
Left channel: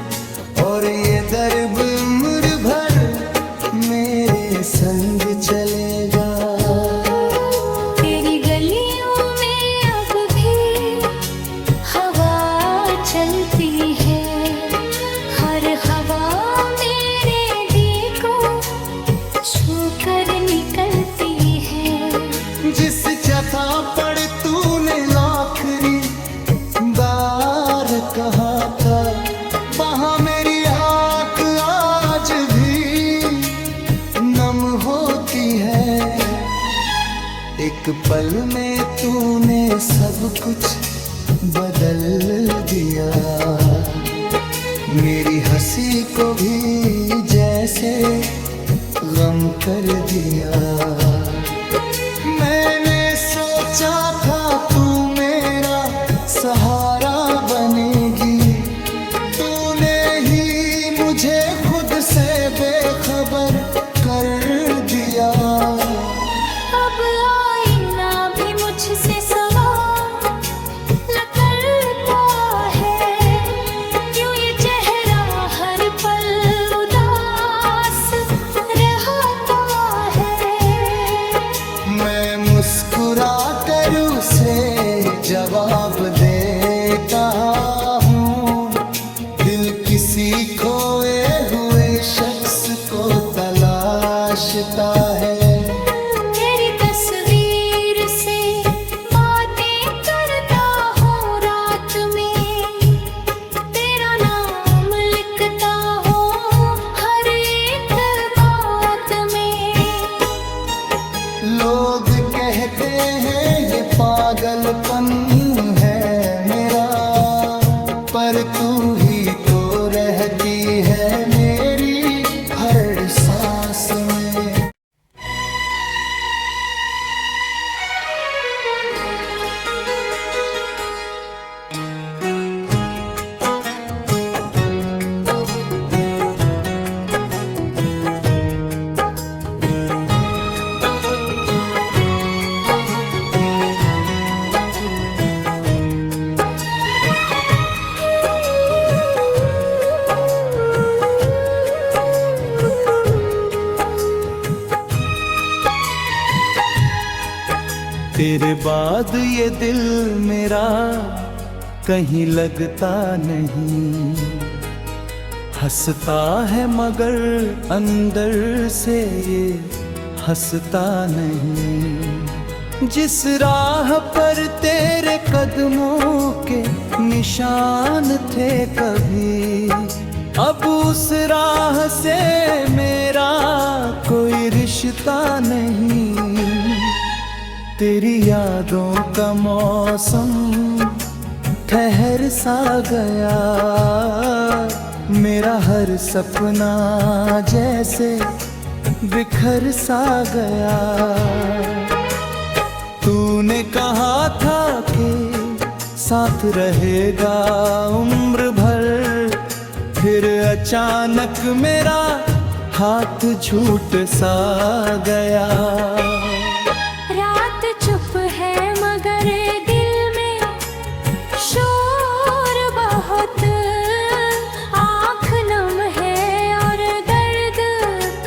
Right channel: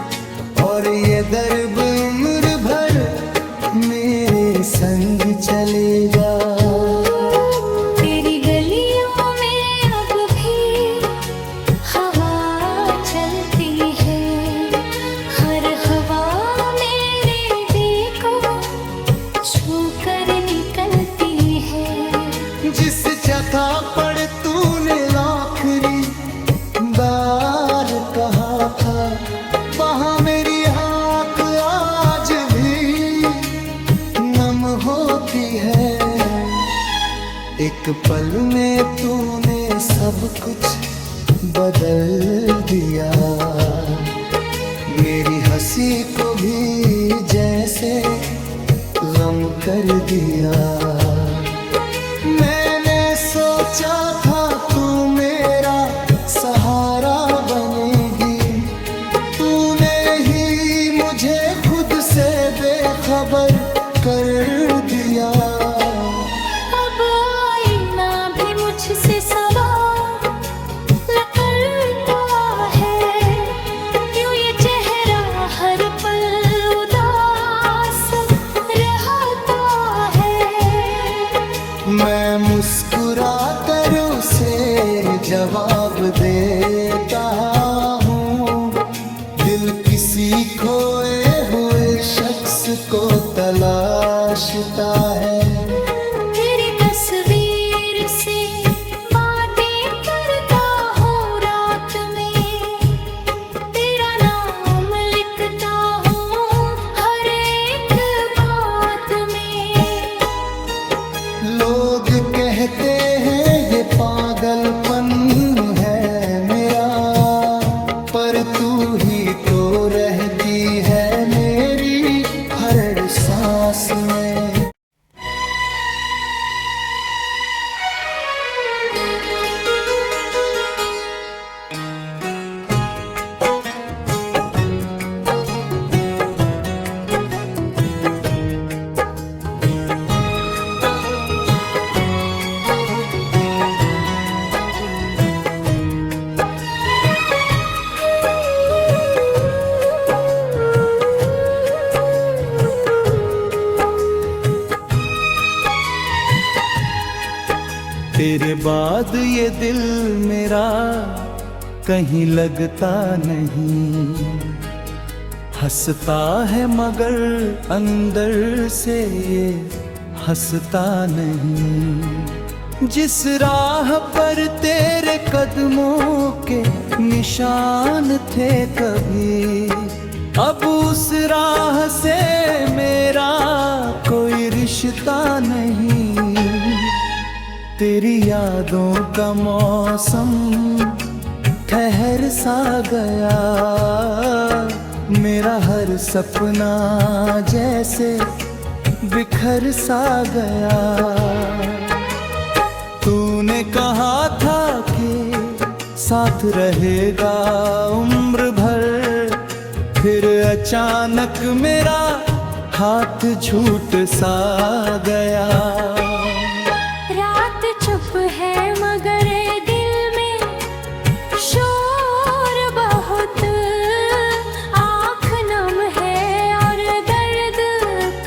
और ये दर्द उम्र भर मेरे संग चलेगा। तेरी गलियों में अब भी हवा चलती है, हर हवा मेरे दिल को छू कर निकलती है। जिस जगह पर तूने आखिरी बार कहा था, वहाँ मेरी आँख आज भी नम होती है। एक पल में तूने सब कुछ बदल दिया, मेरी हंसी को भी जैसे गम कर दिया। मैंने सोचा था तू मेरा सहारा बनेगी, तूने ही मुझे खुद से बेखबर कर दिया। अब आईना भी मुझसे सवाल करता है, क्यों ये चेहरा हर पल उदास रहता है। मैं मुस्कुरा कर उसे जवाब देता हूँ, दिल किसी खोए हुए शख्स को तलाशता है। तेरी तस्वीर से बातें करता हूँ रात में, तेरा नाम लिखता हूँ हर एक बात में। लोग कहते हैं ये पागलपन है मेरा, पर तू ही तो रहती है मेरी हर सांस में। तेरे बाद ये दिल मेरा कहीं लगता नहीं, हंसता है मगर अंदर से ये हंसता नहीं। जिस राह पर तेरे कदमों के निशान थे कभी, अब उस राह से मेरा कोई रिश्ता नहीं। तेरी यादों का मौसम ठहर सा गया, मेरा हर सपना जैसे बिखर सा गया। तूने कहा था कि साथ रहेगा उम्र भर, फिर अचानक मेरा हाथ झूठ सा गया। रात चुप है मगर दिल में शोर बहुत, आँख नम है और दर्द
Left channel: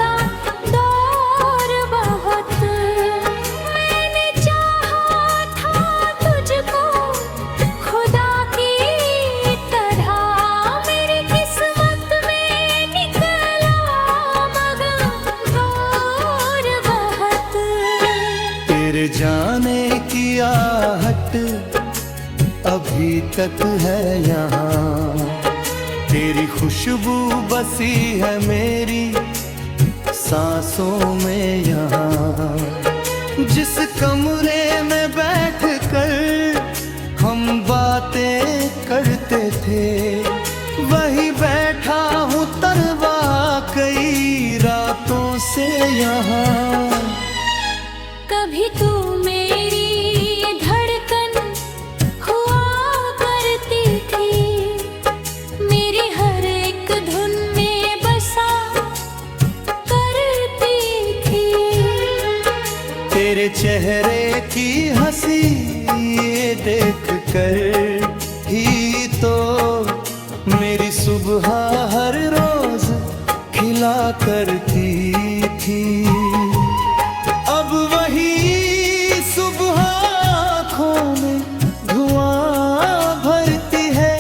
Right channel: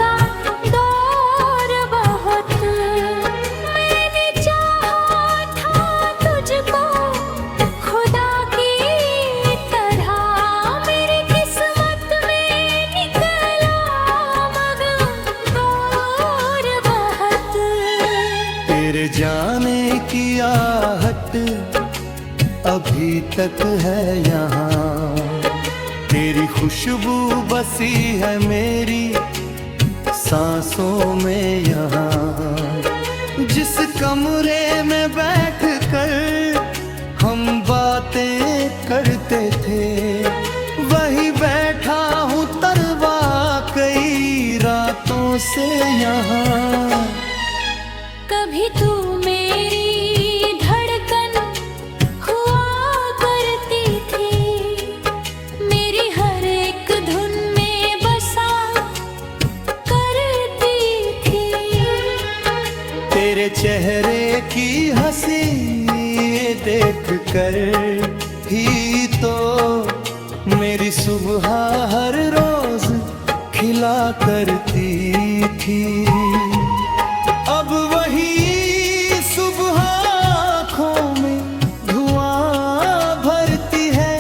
का दौर बहुत। मैंने चाहा था तुझको खुदा की तरह, मेरी किस्मत में निकला मगर दूर बहुत। तेरे जाने की आहट अभी तक है यहाँ, तेरी खुशबू बसी है मेरी सांसों में यहाँ। जिस कमरे में बैठ कर हम बातें करते थे, वही बैठा हूँ तरवा कई रातों से यहाँ। कभी तू मेरी धड़कन हुआ करती थी, मेरी हर एक धुन में बसा करती थी। तेरे चेहरे की हंसी देख कर ही तो मेरी सुबह हर रोज खिला करती थी। अब वही सुबह आँखों में धुआं भरती है,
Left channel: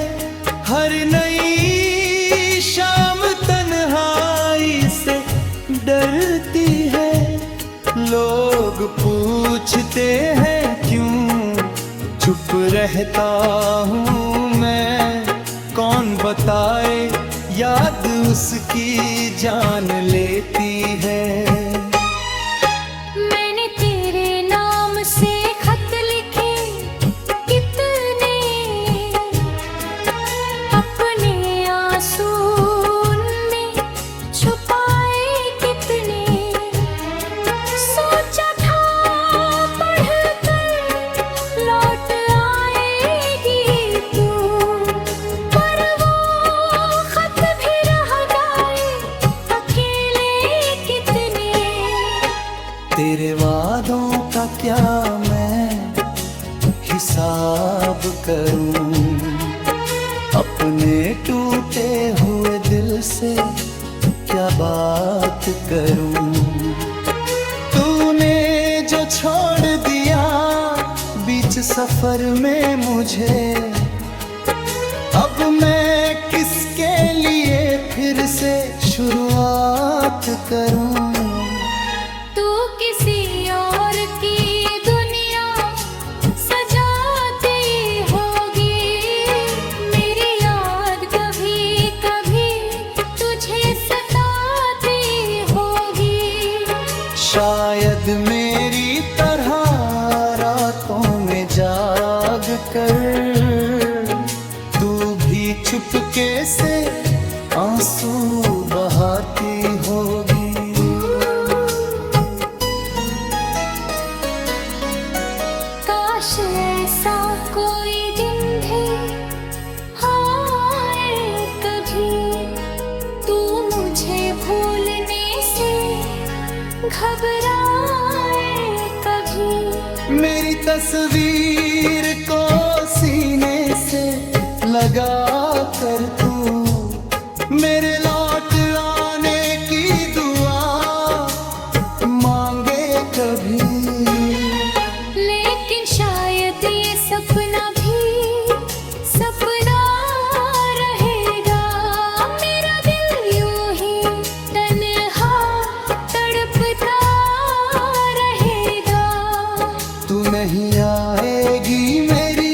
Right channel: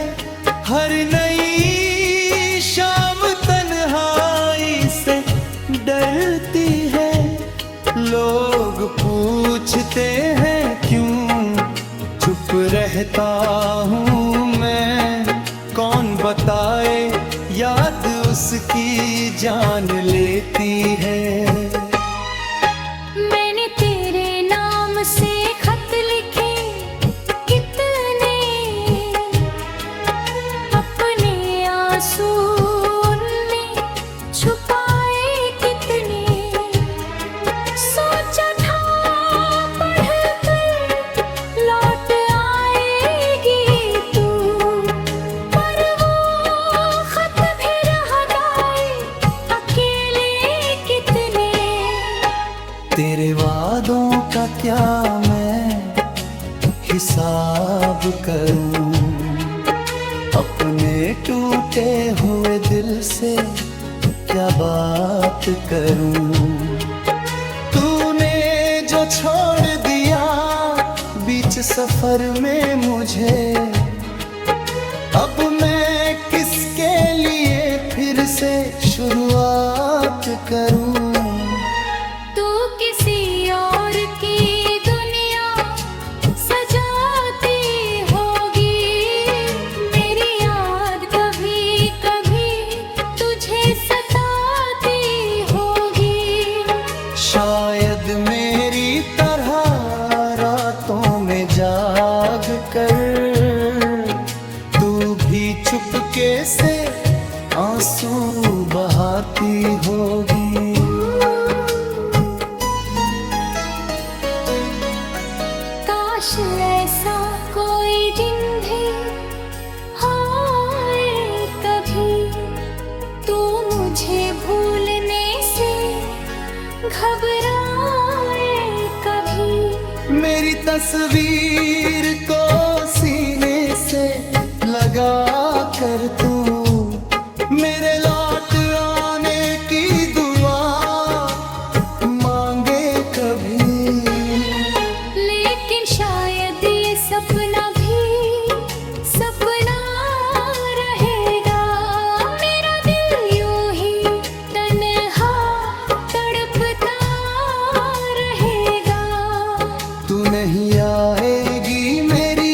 हर नई शाम तन्हाई से डरती है। लोग पूछते हैं क्यों चुप रहता हूँ मैं, कौन बताए याद उसकी जान लेती है। मैंने तेरे नाम से खत लिखे कितने, अपने आंसू उनमें छुपाए कितने। सोचा था पढ़कर लौट आएगी तू, पर वो खत भी रह गए अकेले कितने। तेरे वादों का क्या मैं हिसाब करूं, अपने टूटे हुए दिल से क्या बात करूं। तूने जो छोड़ दिया बीच सफर में मुझे, अब मैं किसके लिए फिर से शुरुआत करूं। तू किसी और की दुनिया सजाती होगी, मेरी याद कभी कभी तुझे सताती होगी। शायद मेरी तरह रातों में जाग कर तू भी चुपके से आंसू बहाती होगी। काश ऐसा कोई दिन भी आए कभी, तू मुझे भूलने से घबराए कभी। मेरी तस्वीर को सीने से लगा कर तू मेरे लौट आने की दुआ मांगे कभी। लेकिन शायद ये सपना भी सपना रहेगा, मेरा दिल यूं ही तन्हा तड़पता रहेगा। तू नहीं आएगी मेरी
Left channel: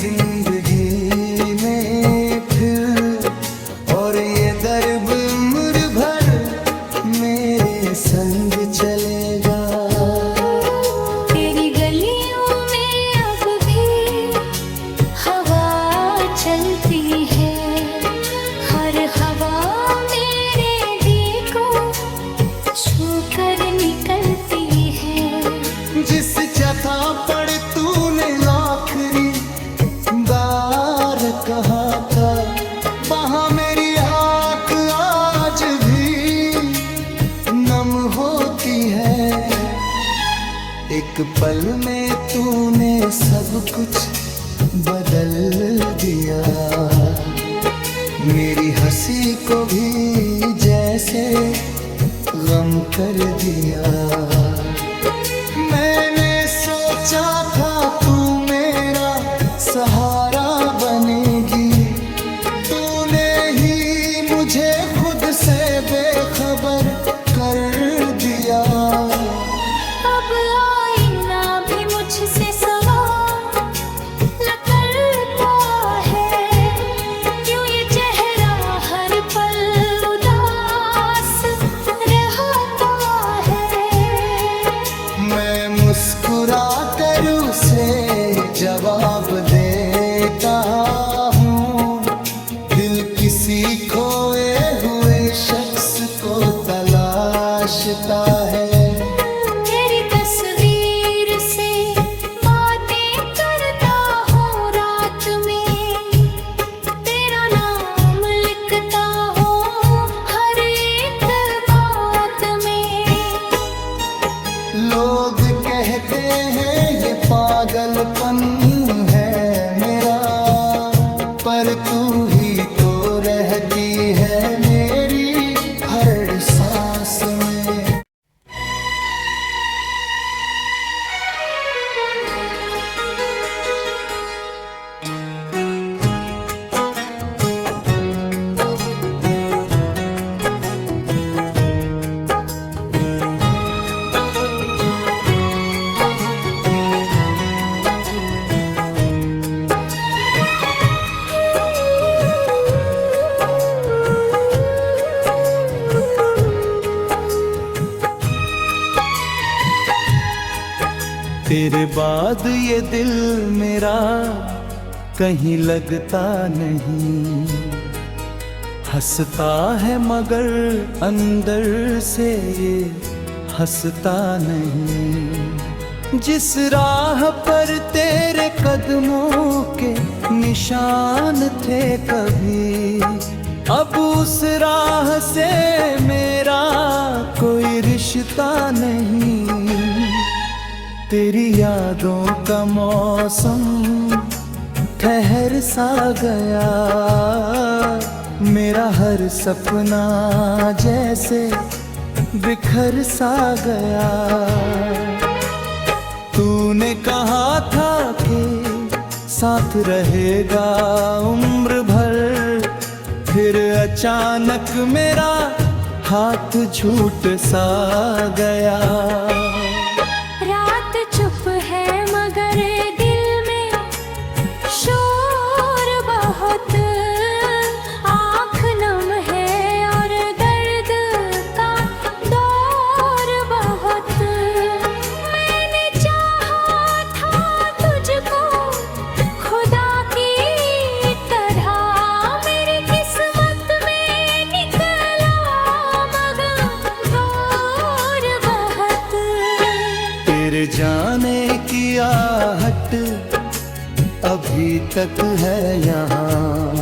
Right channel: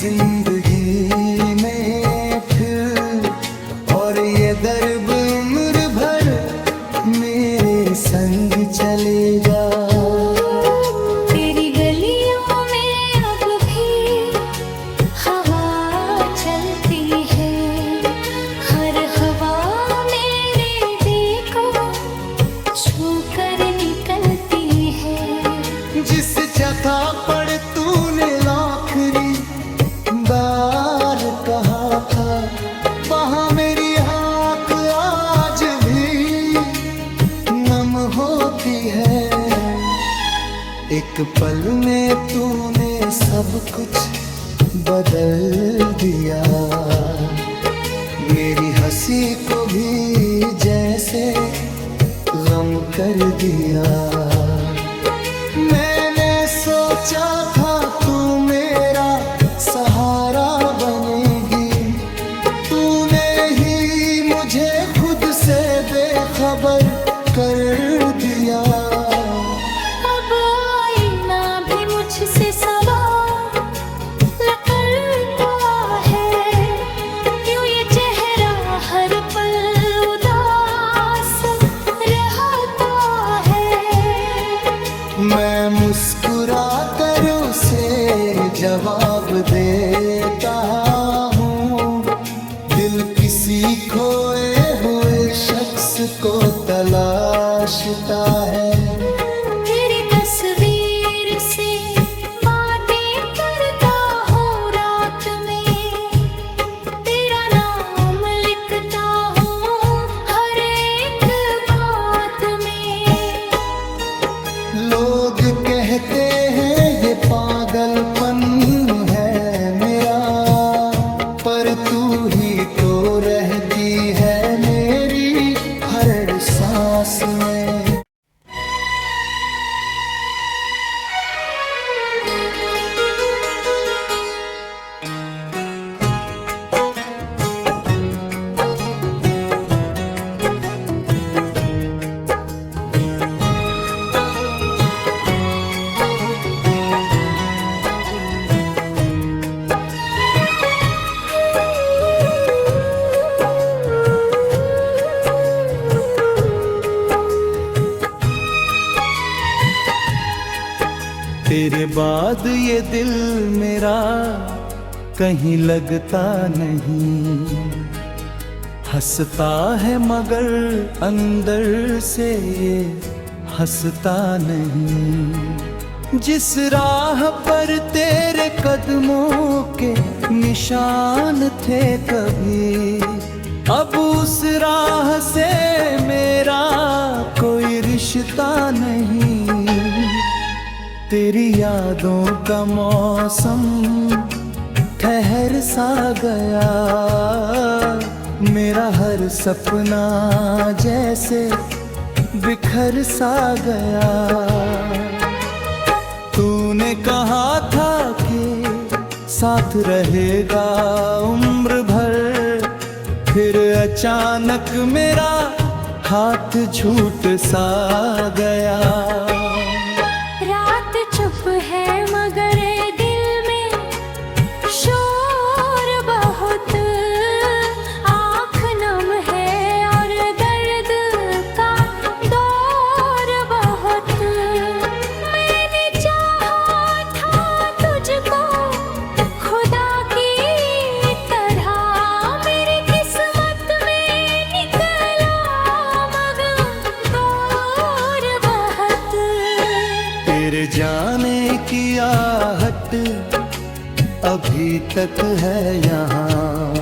जिंदगी में फिर, और ये दर्द उम्र भर मेरे संग चलेगा। तेरी जिस जगह पर तूने आखिरी बार कहा था, वहाँ मेरी आँख आज भी नम होती है। एक पल में तूने सब कुछ बदल दिया, मेरी हंसी को भी जैसे गम कर दिया। मैंने सोचा था तू मेरा सहारा बनेगी, तूने ही मुझे खुद से बेखबर कर दिया। अब आईना भी मुझसे सवाल न करता है, यूं ये चेहरा हर पल उदास रहता है। मैं मुस्कुरा कर उसे जवाब देता हूँ, दिल किसी खोए हुए शख्स को तलाशता है। तेरी तस्वीर से बातें करता हूँ रात में, तेरा नाम लिखता हूँ हर एक बात में। लोग कहते हैं ये पागलपन है मेरा, पर तू ही तो रहती है मेरी हर सांस में। तेरे बाद ये दिल मेरा कहीं लगता नहीं, हंसता है मगर अंदर से ये हंसता नहीं। जिस राह पर तेरे कदमों के निशान थे कभी, अब उस राह से मेरा कोई रिश्ता नहीं। तेरी यादों का मौसम ठहर सा गया, मेरा हर सपना जैसे बिखर सा गया। तूने कहा था कि साथ रहेगा उम्र भर, फिर अचानक मेरा हाथ छूट सा गया। रात चुप है मगर दिल में शोर बहुत, आँख नम है और दर्द का दौर बहुत। मैंने चाहा था तुझको खुदा की तरह, मेरी किस्मत में निकला मगर दूर बहुत। तेरे जाने की आहट अभी तक है यहाँ,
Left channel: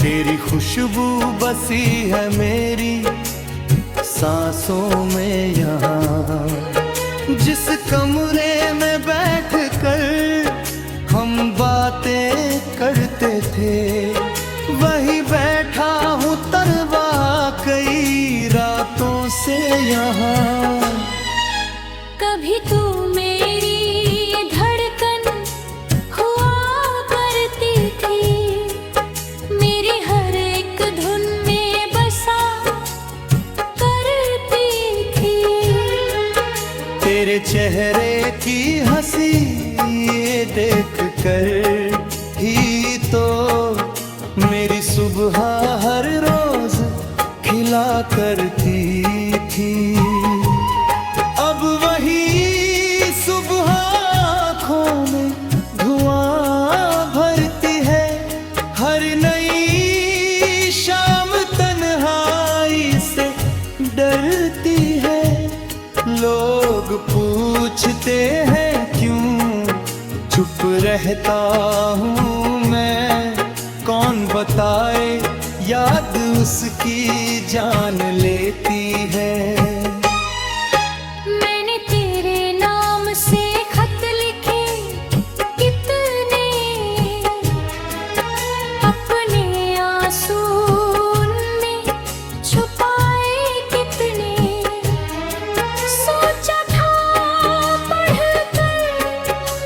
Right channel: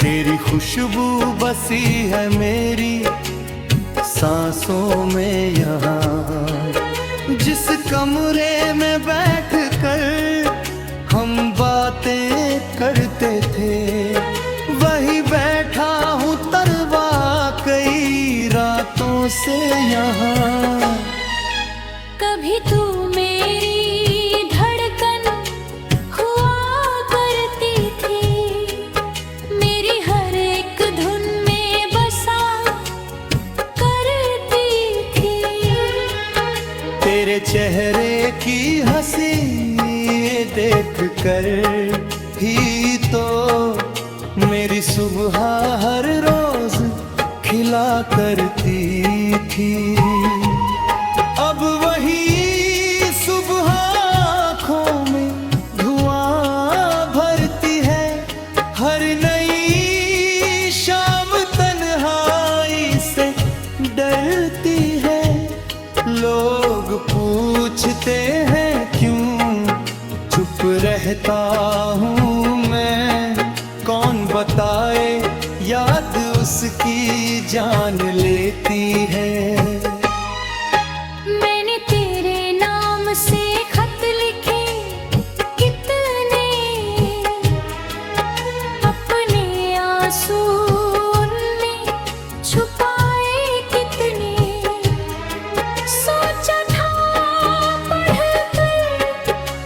तेरी खुशबू बसी है मेरी सांसों में यहाँ। जिस कमरे में बैठ कर हम बातें करते थे, वही बैठा हूँ तरवा कई रातों से यहाँ। कभी तू मेरी धड़कन हुआ करती थी, मेरी हर एक धुन में बसा करती थी। तेरे चेहरे की हंसी देख कर ही तो मेरी सुबह हर रोज खिला करती थी। अब वही सुबह आँखों में धुआं भरती है, हर नई शाम तन्हाई से डरती है। लोग पूछते हैं क्यों चुप रहता हूँ मैं, कौन बताए याद उसकी जान लेती है। मैंने तेरे नाम से खत लिखे कितने, अपने आंसू उनमें छुपाए कितने। सोचा था पढ़कर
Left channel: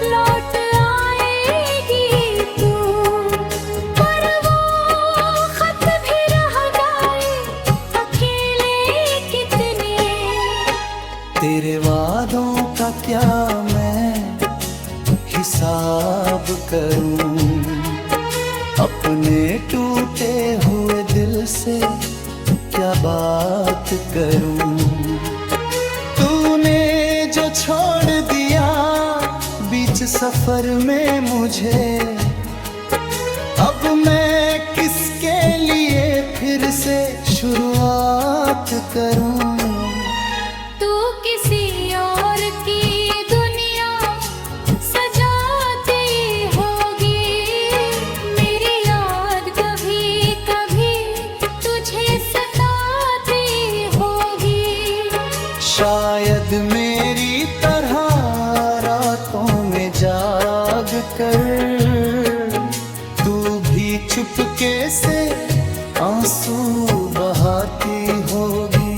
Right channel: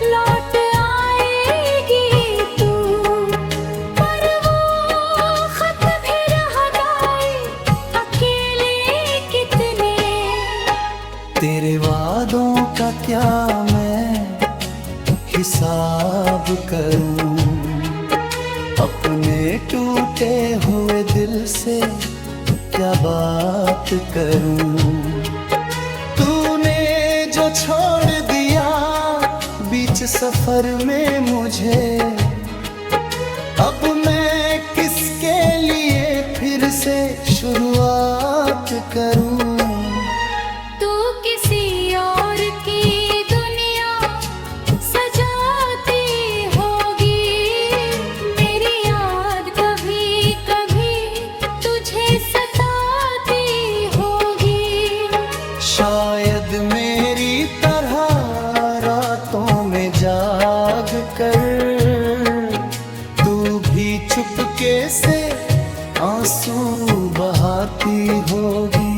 लौट आएगी तू, पर वो खत भी रह गए अकेले कितने। तेरे वादों का क्या मैं हिसाब करूं, अपने टूटे हुए दिल से क्या बात करूं। तूने जो छोड़ दिया बीच सफर में मुझे, अब मैं किसके लिए फिर से शुरुआत करूं। तू किसी और की दुनिया सजाती होगी, मेरी याद कभी कभी तुझे सताती होगी। शायद मेरी तरह रातों में जाग कर तू भी चुपके से आंसू बहाती होगी।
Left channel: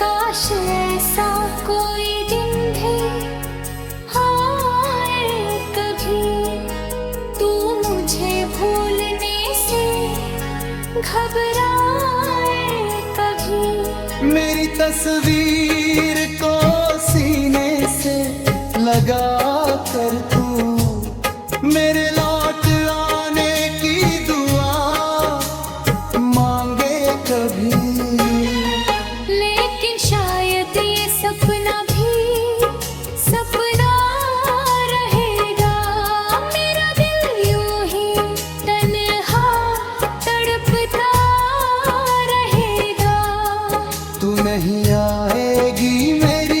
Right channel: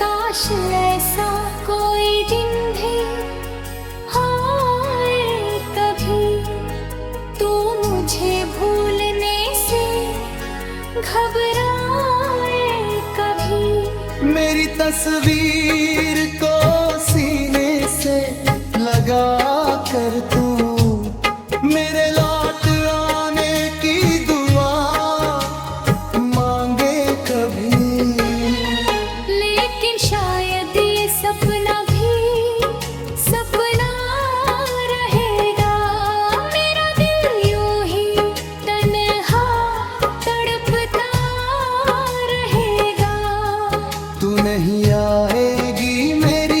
काश ऐसा कोई दिन भी आए कभी, तू मुझे भूलने से घबराए कभी। मेरी तस्वीर को सीने से लगा कर तू मेरे लौट आने की दुआ मांगे कभी। लेकिन शायद ये सपना भी सपना रहेगा, मेरा दिल यूं ही तन्हा तड़पता रहेगा। तू नहीं आएगी मेरी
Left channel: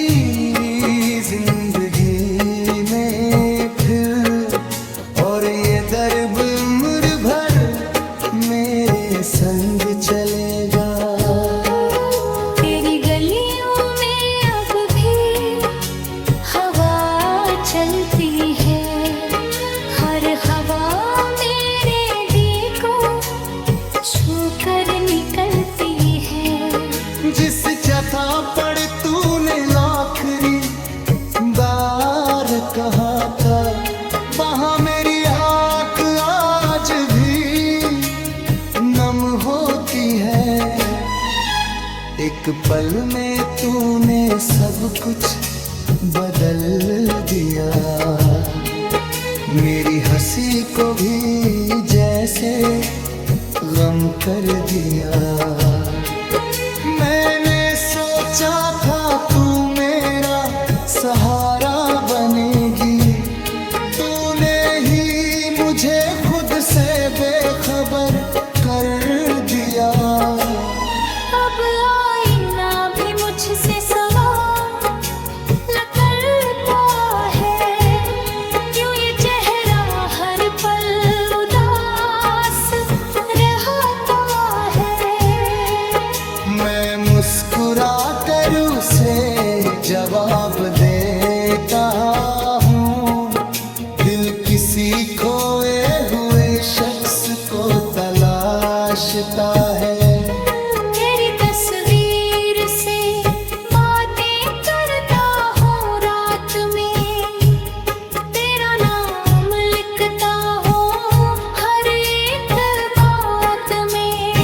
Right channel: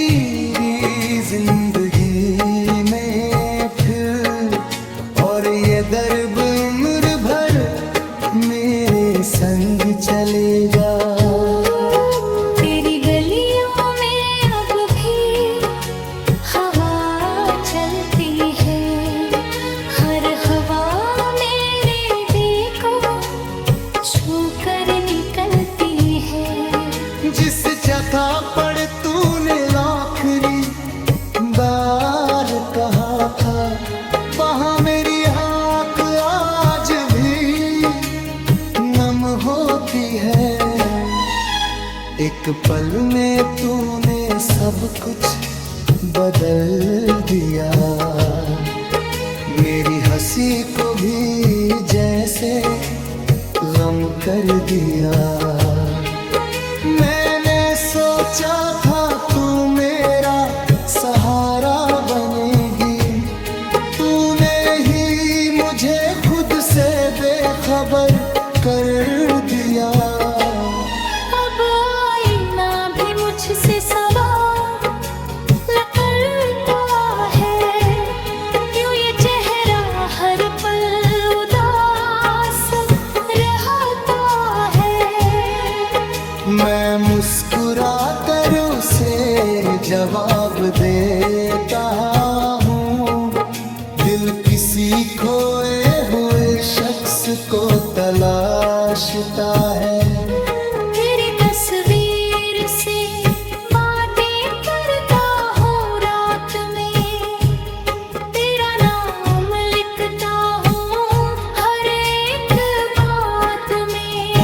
जिंदगी में फिर, और ये दर्द उम्र भर मेरे संग चलेगा। तेरी गलियों में अब भी हवा चलती है, हर हवा मेरे दिल को छू कर निकलती है। जिस जगह पर तूने आखिरी बार कहा था, वहाँ मेरी आँख आज भी नम होती है। एक पल में तूने सब कुछ बदल दिया, मेरी हंसी को भी जैसे गम कर दिया। मैंने सोचा था तू मेरा सहारा बनेगी, तूने ही मुझे खुद से बेखबर कर दिया। अब आईना भी मुझसे सवाल करता है, क्यों ये चेहरा हर पल उदास रहता है। मैं मुस्कुरा कर उसे जवाब देता हूँ, दिल किसी खोए हुए शख्स को तलाशता है। तेरी तस्वीर से बातें करता हूँ रात में, तेरा नाम लिखता हूँ हर एक बात में।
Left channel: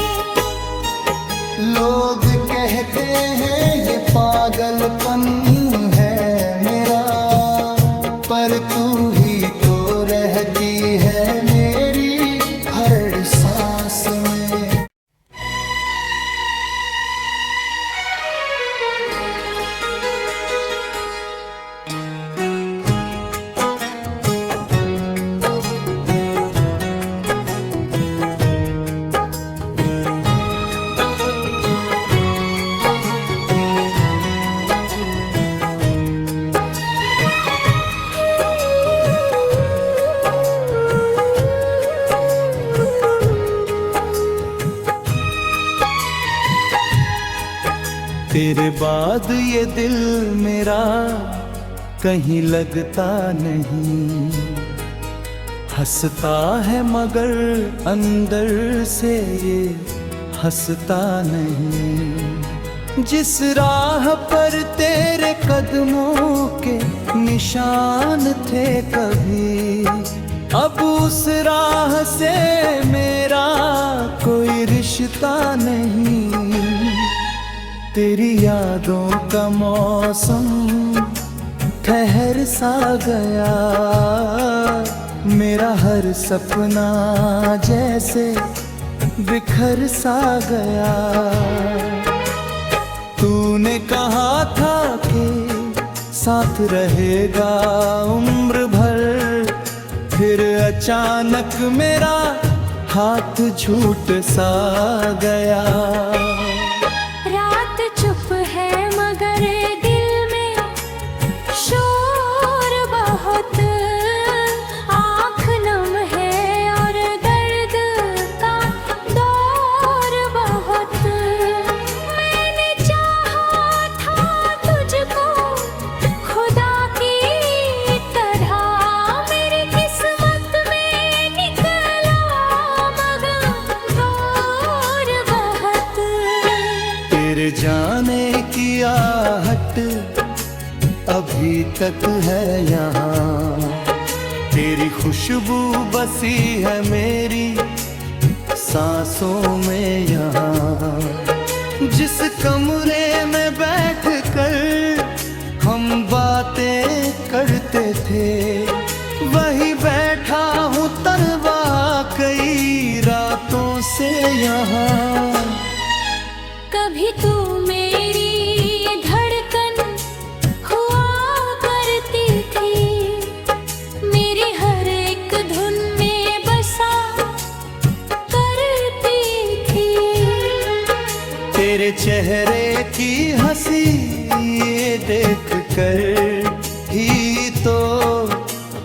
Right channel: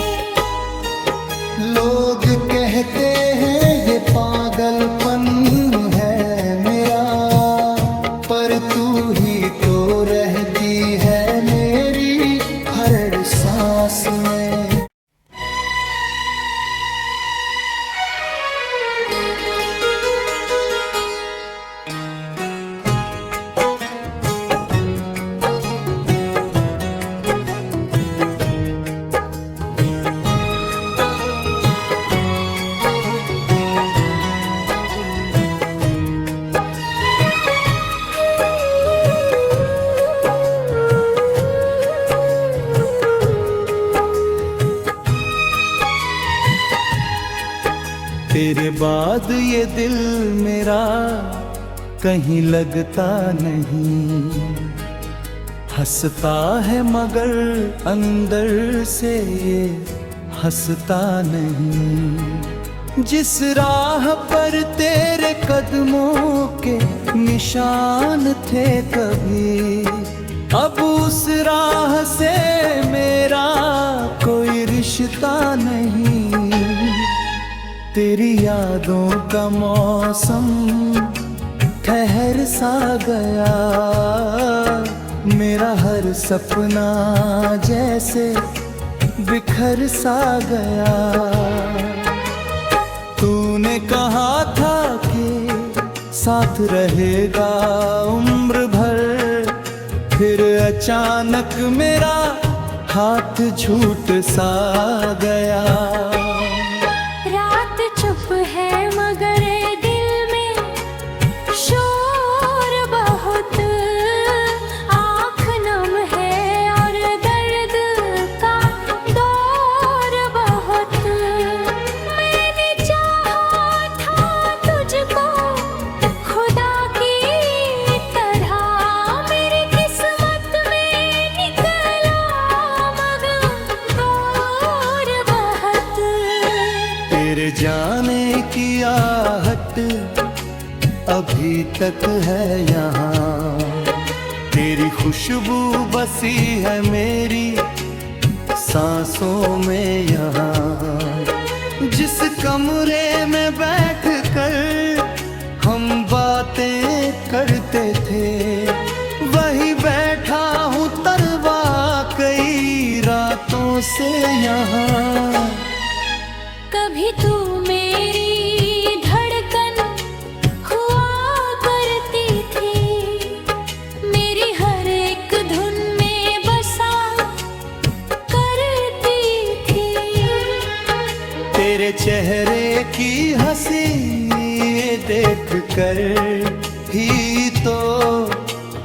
लोग कहते हैं ये पागलपन है मेरा, पर तू ही तो रहती है मेरी हर सांस में। तेरे बाद ये दिल मेरा कहीं लगता नहीं, हंसता है मगर अंदर से ये हंसता नहीं। जिस राह पर तेरे कदमों के निशान थे कभी, अब उस राह से मेरा कोई रिश्ता नहीं। तेरी यादों का मौसम ठहर सा गया, मेरा हर सपना जैसे बिखर सा गया। तूने कहा था कि साथ रहेगा उम्र भर, फिर अचानक मेरा हाथ छूट सा गया। रात चुप है मगर दिल में शोर बहुत, आँख नम है और दर्द का दौर बहुत। मैंने चाहा था तुझको खुदा की तरह, मेरी किस्मत में निकला मगर दूर बहुत। तेरे जाने की आहट अभी तक है यहाँ, तेरी खुशबू बसी है मेरी सांसों में यहाँ। जिस कमरे में बैठ कर हम बातें करते थे, वही बैठा हूँ तरवा कई रातों से यहाँ। कभी तू मेरी धड़कन हुआ करती थी, मेरी हर एक धुन में बसा करती थी। तेरे चेहरे की हंसी देख कर ही तो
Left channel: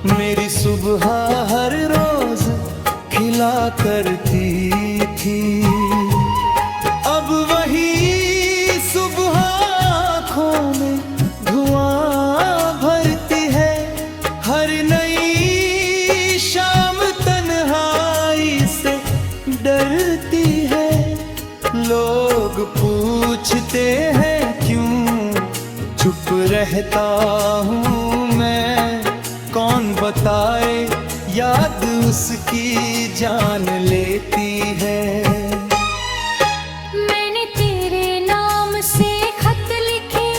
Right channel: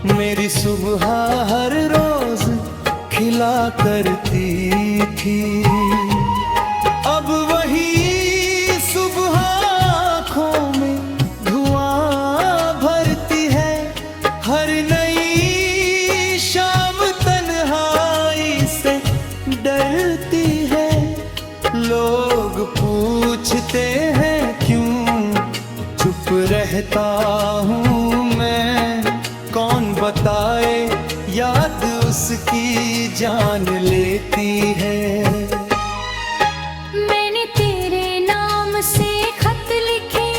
मेरी सुबह हर रोज खिला करती थी। अब वही सुबह आँखों में धुआं भरती है, हर नई शाम तन्हाई से डरती है। लोग पूछते हैं क्यों चुप रहता हूँ मैं, कौन बताए याद उसकी जान लेती है। मैंने तेरे नाम से खत लिखे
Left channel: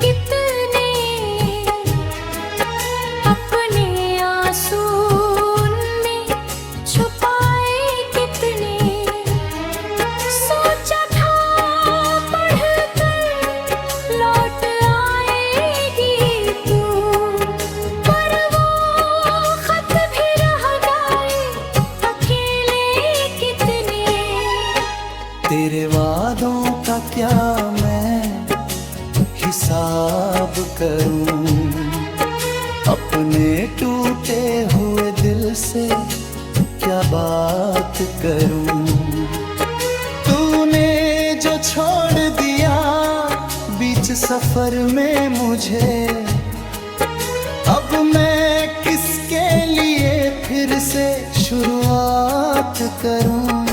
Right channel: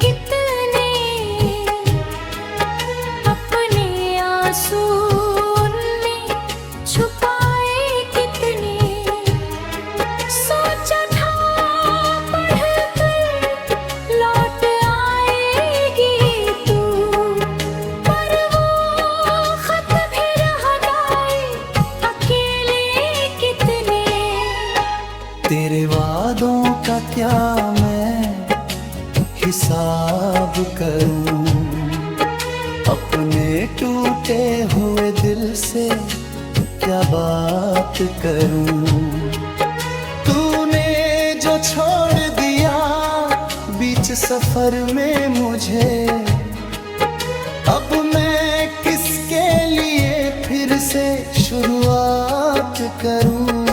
कितने, अपने आंसू उनमें छुपाए कितने। सोचा था पढ़कर लौट आएगी तू, पर वो खत भी रह गए अकेले कितने। तेरे वादों का क्या मैं हिसाब करूं, अपने टूटे हुए दिल से क्या बात करूं। तूने जो छोड़ दिया बीच सफर में मुझे, अब मैं किसके लिए फिर से शुरुआत करूं।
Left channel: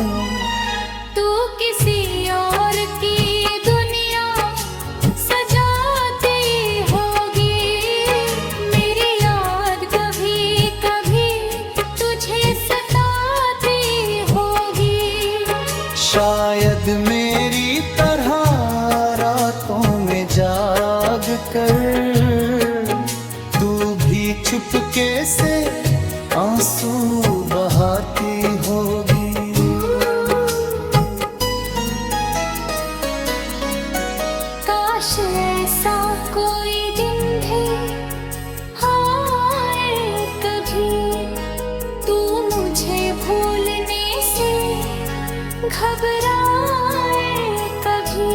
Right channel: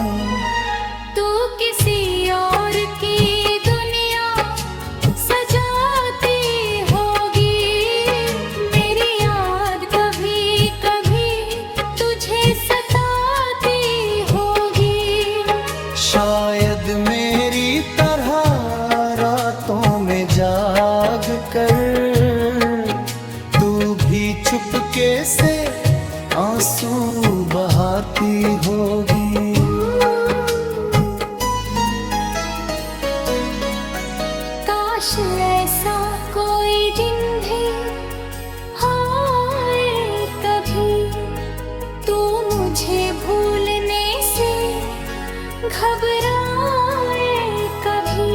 तू किसी और की दुनिया सजाती होगी, मेरी याद कभी कभी तुझे सताती होगी। शायद मेरी तरह रातों में जाग कर तू भी चुपके से आंसू बहाती होगी। काश ऐसा कोई दिन भी आए कभी, तू मुझे भूलने से घबराए कभी।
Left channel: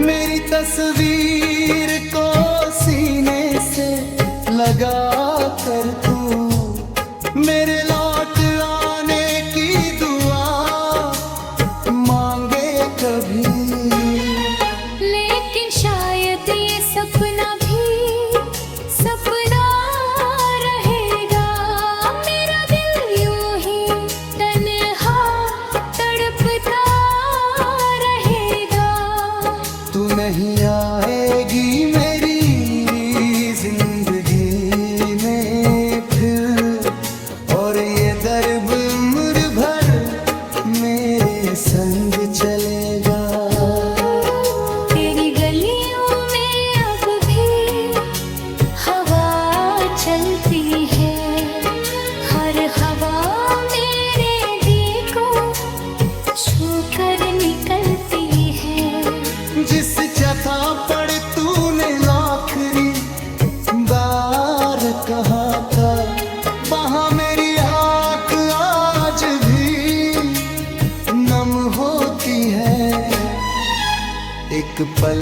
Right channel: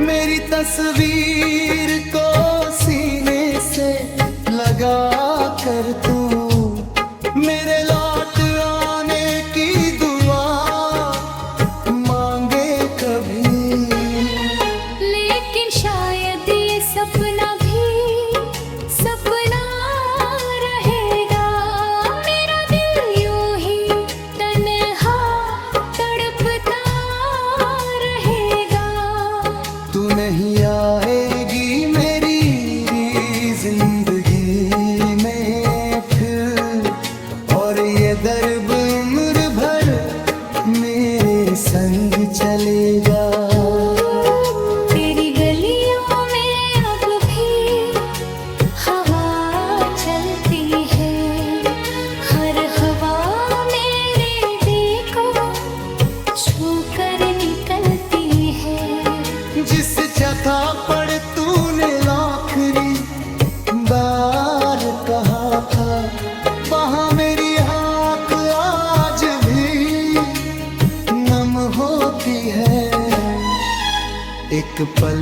मेरी तस्वीर को सीने से लगा कर तू मेरे लौट आने की दुआ मांगे कभी। लेकिन शायद ये सपना भी सपना रहेगा। मेरा दिल यूं ही तन्हा तड़पता रहेगा। तू नहीं आएगी मेरी जिंदगी में फिर, और ये दर्द उम्र भर मेरे संग चलेगा। तेरी गलियों में अब भी हवा चलती है। हर हवा मेरे दिल को छू कर निकलती है। जिस जगह पर तूने आखिरी बार कहा था, वहाँ मेरी आँख आज भी नम होती है। एक पल